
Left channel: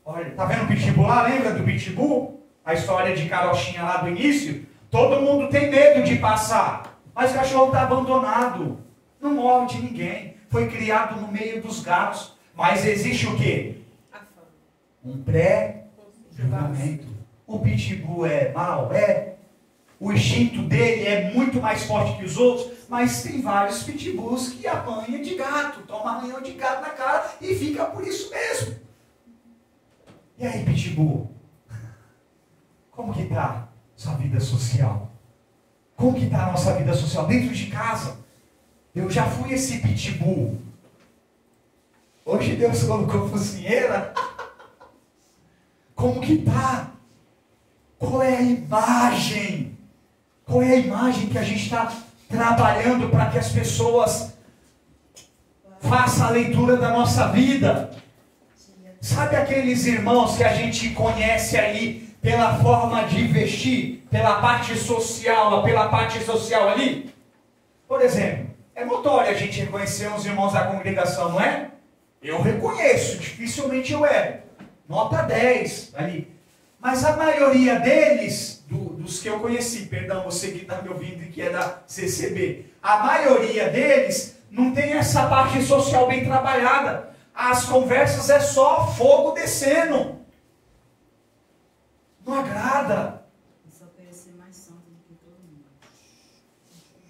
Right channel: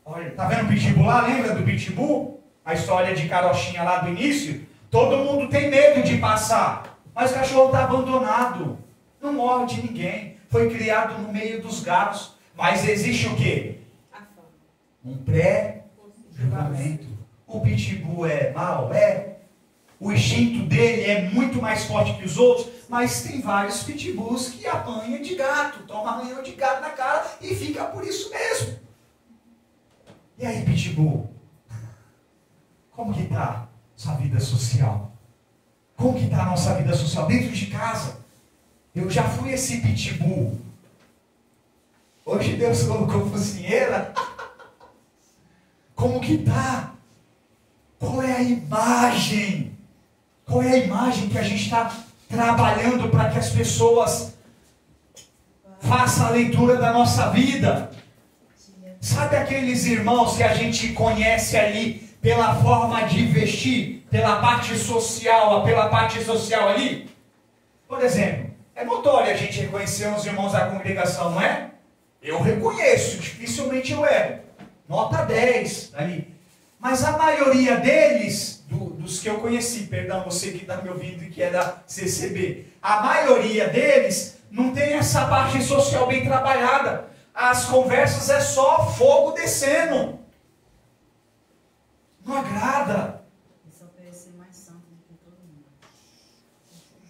Olha, tá vendo o pitbull lá? Lembra do pitbull? A história de carochinha lá do início? Todo mundo tem medo de passar. Mas o cachorro está abandonado. Não morde ninguém. Foi criado no meio dos gatos. Mas existe o quê? Um pré-julgamento. O pitbull é mau? É. O instinto dele é muito mais forte que os outros. Mas tem vários pitbulls que apanham de gato. Toma arranhão de gato na cara e fica por isso mesmo. E aí, pitbull? Como que está sua vida social? Como que está a nossa vida social? Dentro de casa. Eu já fui esse pitbull. Hoje Deus colocou focinheira. Como que tá? Qual é a imagem? Qual é a imagem que a gente está trabalhando para que as pessoas façam a leitura da nossa vida? Sabe aqueles irmãos que a gente conhece ali pela forma de vestir, pela parte social ali? Por exemplo, é notório a gente reconhecer os irmãos da congregação, não é? Eu reconheço, dificilmente eu erro. Nota 10 ali. Mas a maioria deles, dos que eu conheci, perdão, você que está me ouvindo e que é da CCB, a maioria deles não tem essa parte social bem trabalhada. As conversas é só fogo descendo. Não agrada. Só queria ser mais santo do que todo mundo.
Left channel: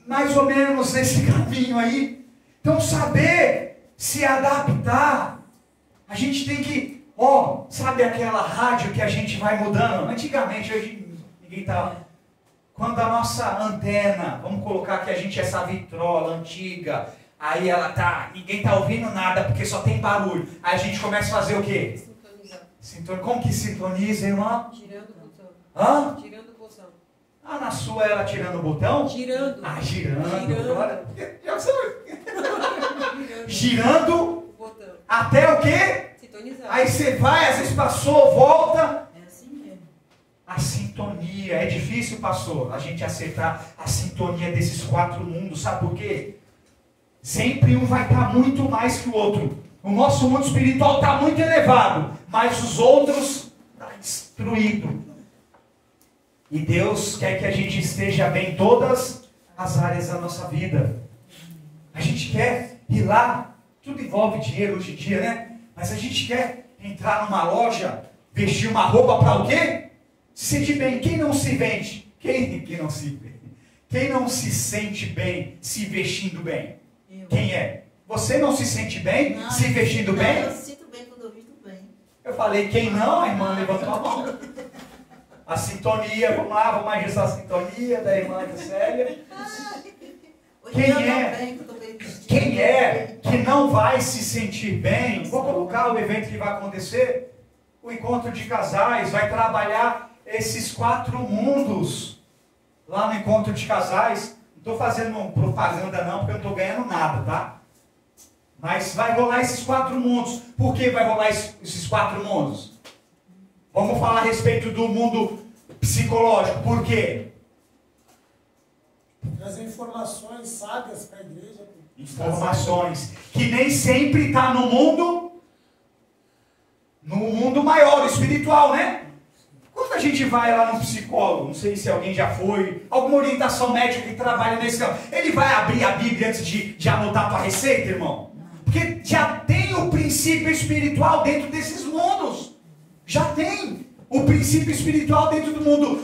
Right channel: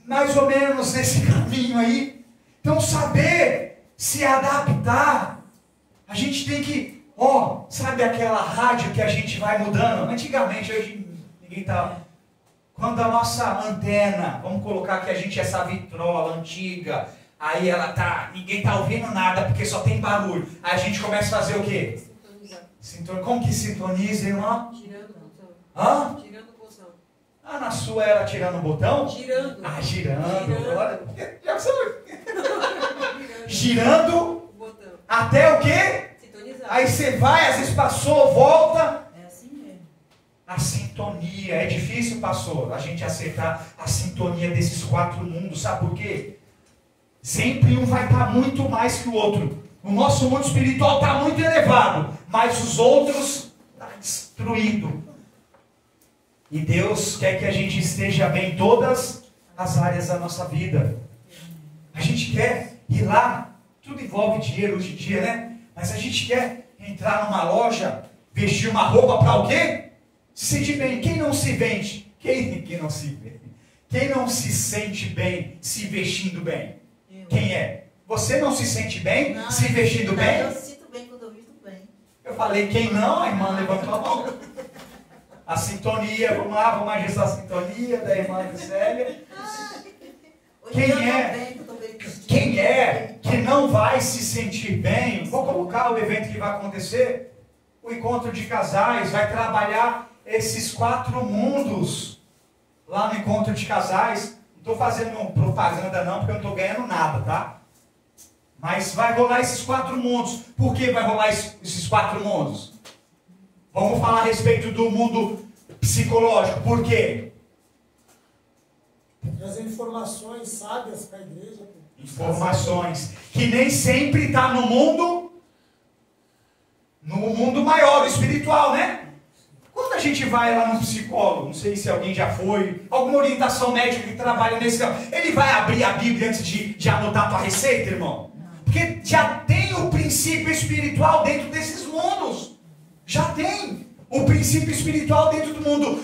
Mais ou menos nesse caminho aí. Então saber se adaptar. A gente tem que, sabe aquela rádio que a gente vai mudando? Antigamente, hoje ninguém tá. Quando a nossa antena, vamos colocar que a gente é essa vitrola antiga, aí ela tá, ninguém tá ouvindo nada porque só tem barulho. Aí a gente começa a fazer o quê? Sintonizar. Como que sintoniza, irmã? Tirando o botão. Hã? Tirando o botão. Ah, na sua ela tirando o botão? Girando. Ah, girando. Girando. Girando O botão. até o quê? Sintonizar. Aí você vai, às vezes passou, volta. É assim mesmo. A sintonia, é difícil, pastor, a gente aceitar a sintonia desses quatro mundos, sabe por quê? Sempre um vai estar muito mais que o outro. O nosso mundo espiritual está muito elevado, mas os outros estão destruídos. E Deus quer que a gente esteja bem em todas as áreas da nossa vida. A gente quer ir lá, tudo envolve dinheiro hoje em dia, né? Mas a gente quer entrar numa loja, vestir uma roupa para o quê? Se sentir bem. Quem não se vende? Quem não se vende? Quem não se sente bem se vestindo bem? Quem é? Você não se sente bem se vestindo bem? Eu sinto bem quando eu visto bem. Eu falei, quem não? A irmã levantou a mão. A sintonia, vamos lá, vamos ajustar a sintonia da irmã Célia. Quem é que não vai se sentir bem? Vou colocar o evento que vai acontecer. O encontro de casais vai trabalhar esses quatro mundos lá no encontro de casais. Não estou fazendo propaganda não, porque eu não estou ganhando nada, tá? Mas vai rolar esses quatro mundos. Por que vai rolar esses quatro mundos? Vamos falar a respeito do mundo psicológico. Por quê? Trazer informações sábias para a igreja. Informações que nem sempre está no mundo maior, espiritual, né? Quando a gente vai lá no psicólogo, não sei se alguém já foi, alguma orientação médica que trabalha nesse campo, ele vai abrir a Bíblia antes de anotar a tua receita, irmão? Porque já tem o princípio espiritual dentro desses mundos. Já tem o princípio espiritual dentro do mundo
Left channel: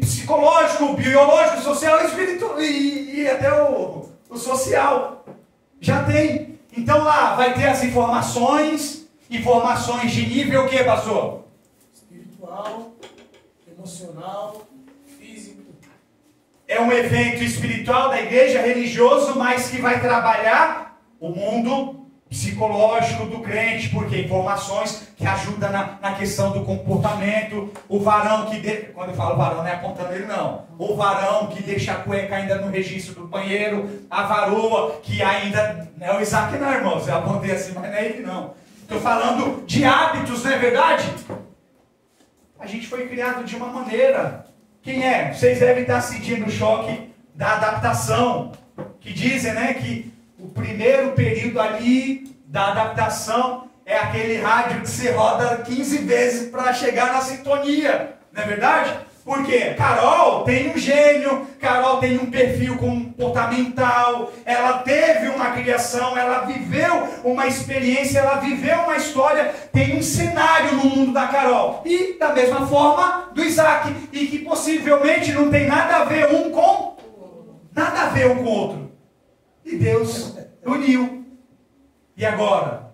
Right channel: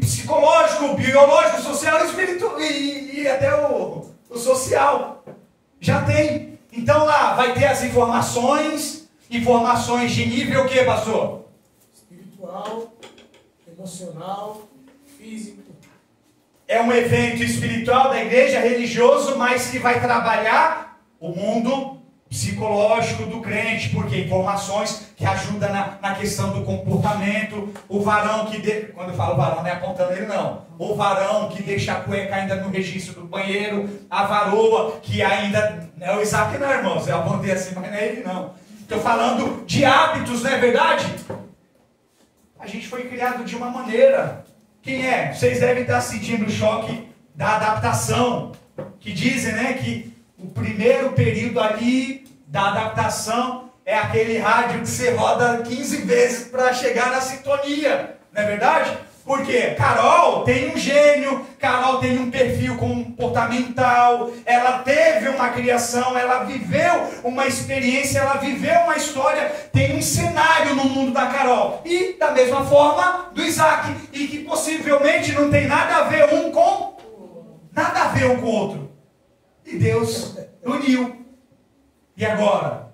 psicológico, biológico, social, espiritual e até o social. Já tem. Então lá vai ter as informações de nível o que, pastor? Espiritual, emocional, físico. É um evento espiritual da igreja, religioso, mas que vai trabalhar o mundo psicológico do crente, porque informações que ajudam na questão do comportamento. O varão quando eu falo varão, não é apontando ele não. O varão que deixa a cueca ainda no registro do banheiro, a varoa que ainda, não é o Isaac não, irmãos, eu apontei assim, mas não é ele não. Estou falando de hábitos, não é verdade? A gente foi criado de uma maneira. Quem é? Vocês devem estar sentindo o choque da adaptação. Que dizem, né, que o primeiro período ali da adaptação é aquele rádio que você roda 15 vezes para chegar na sintonia. Não é verdade? Porque Carol tem um gênio, Carol tem um perfil comportamental, ela teve uma criação, ela viveu uma experiência, ela viveu uma história, tem um cenário no mundo da Carol. E da mesma forma do Isaac, e que possivelmente não tem nada a ver um com o outro. E Deus uniu. E agora?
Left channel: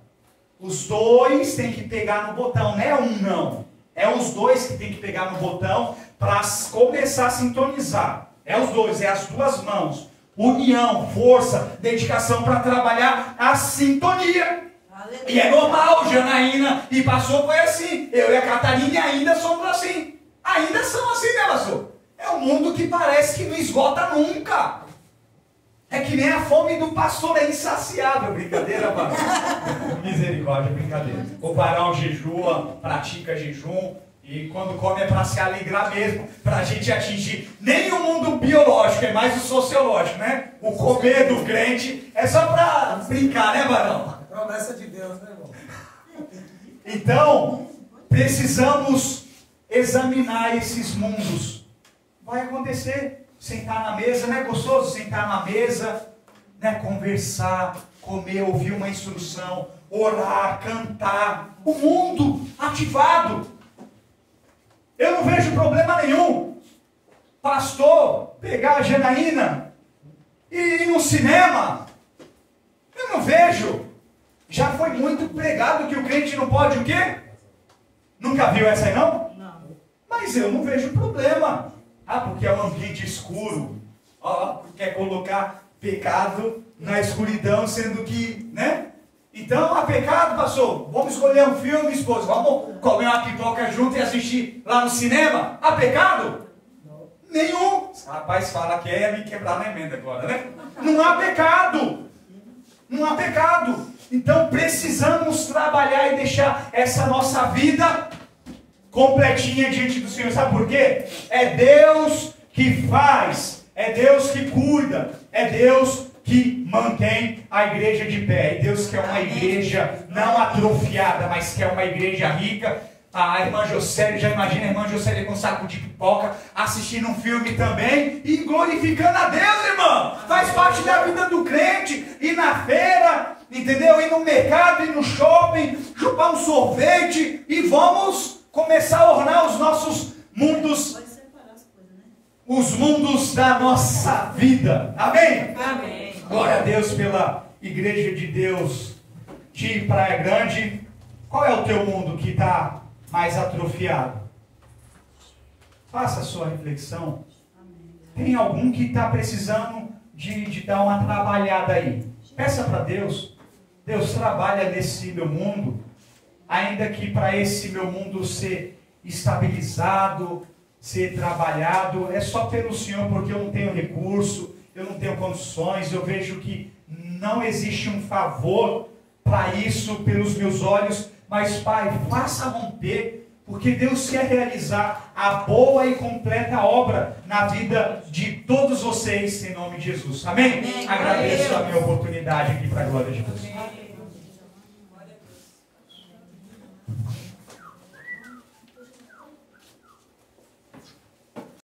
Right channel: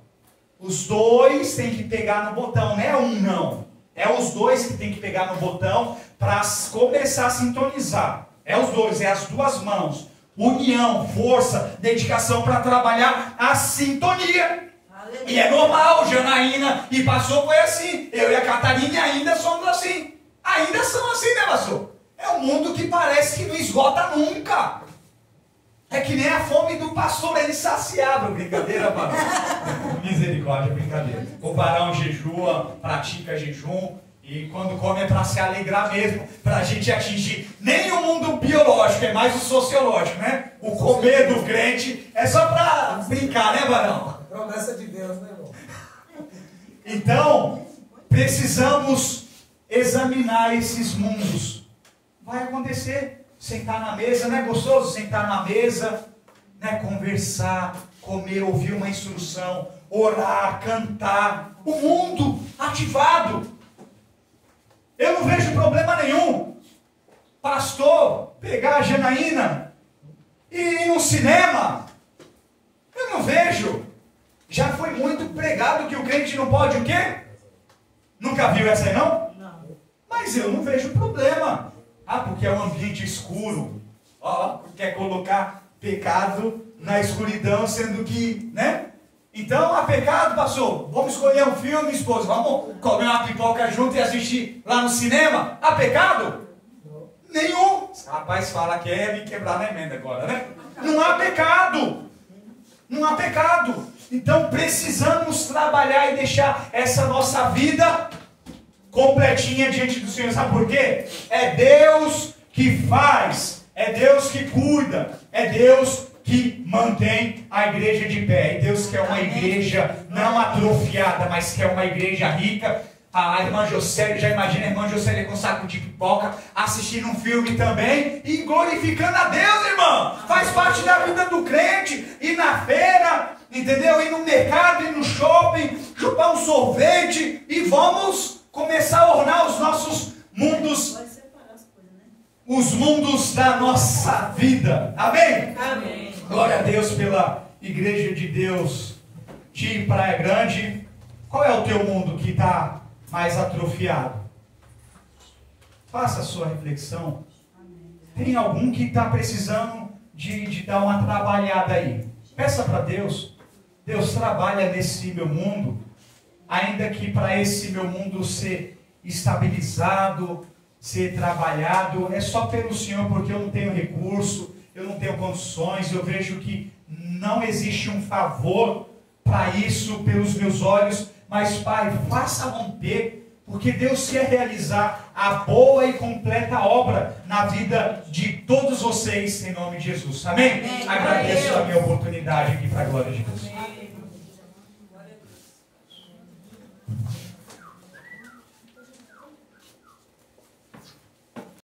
Os dois têm que pegar no botão, não é um não. É os dois que têm que pegar no botão para começar a sintonizar. É os dois, é as duas mãos. União, força, dedicação para trabalhar a sintonia. Aleluia. E é normal, Janaína e pastor foi assim. Eu e a Catarina ainda somos assim. Ainda são assim, né, pastor? É um mundo que parece que não esgota nunca. É que nem a fome do pastor é insaciável. Brincadeira, varão. Misericórdia, brincadeira. O varão jejua, pratica jejum. E quando come é para se alegrar mesmo. Para a gente atingir nem o mundo biológico, é mais o sociológico, né? O comer do crente é só para brincar, né, varão? Promessa de Deus, né, irmão? Então, precisamos examinar esses mundos. Vai acontecer. Sentar na mesa, não é gostoso sentar na mesa, né? Conversar, comer, ouvir uma instrução, orar, cantar. O mundo ativado. Eu não vejo problema nenhum. Pastor, pegar a Janaína e ir no cinema. Eu não vejo. Já foi muito pregado que o crente não pode o quê? Nunca viu essa aí não? Não. Mas eu não vejo problema. Ah, porque é um ambiente escuro. Ó, quer colocar pecado na escuridão, sendo que, né? Então, há pecado, pastor. Vamos escolher um filme, esposa. Vamos comer uma pipoca junto e assistir lá no cinema. Há pecado? Não. Nenhum. Rapaz, fala que é me quebrar na emenda agora, né? Não há pecado. Não há pecado. Então, precisamos trabalhar e deixar essa nossa vida completinha diante do Senhor. Sabe por quê? É Deus que faz, é Deus que cuida, é Deus que mantém a igreja de pé. E Deus quer uma igreja não atrofiada, mas quer uma igreja rica. A irmã Jocélia, já imagina a irmã Jocélia com um saco de pipoca, assistindo um filme também e glorificando a Deus, irmão. Faz parte da vida do crente. Ir na feira, entendeu? Ir no mercado, ir no shopping, chupar um sorvete e vamos começar a ornar os nossos mundos, Pode separar as coisas, né? os mundos da nossa vida. Amém? Amém. Glória a Deus pela igreja de Deus de Praia Grande. Qual é o teu mundo que está mais atrofiado? Faça a sua reflexão. Tem algum que está precisando de dar uma trabalhada aí? Peça para Deus. Deus, trabalha nesse meu mundo. Ainda que para esse meu mundo ser estabilizado, ser trabalhado, é só pelo Senhor, porque eu não tenho recurso, eu não tenho condições, eu vejo que não existe um favor para isso pelos meus olhos, mas Pai, faça romper, porque Deus quer realizar a boa e completa obra na vida de todos vocês, em nome de Jesus. Amém? Amém. Agradeço a minha oportunidade aqui para a glória de Deus.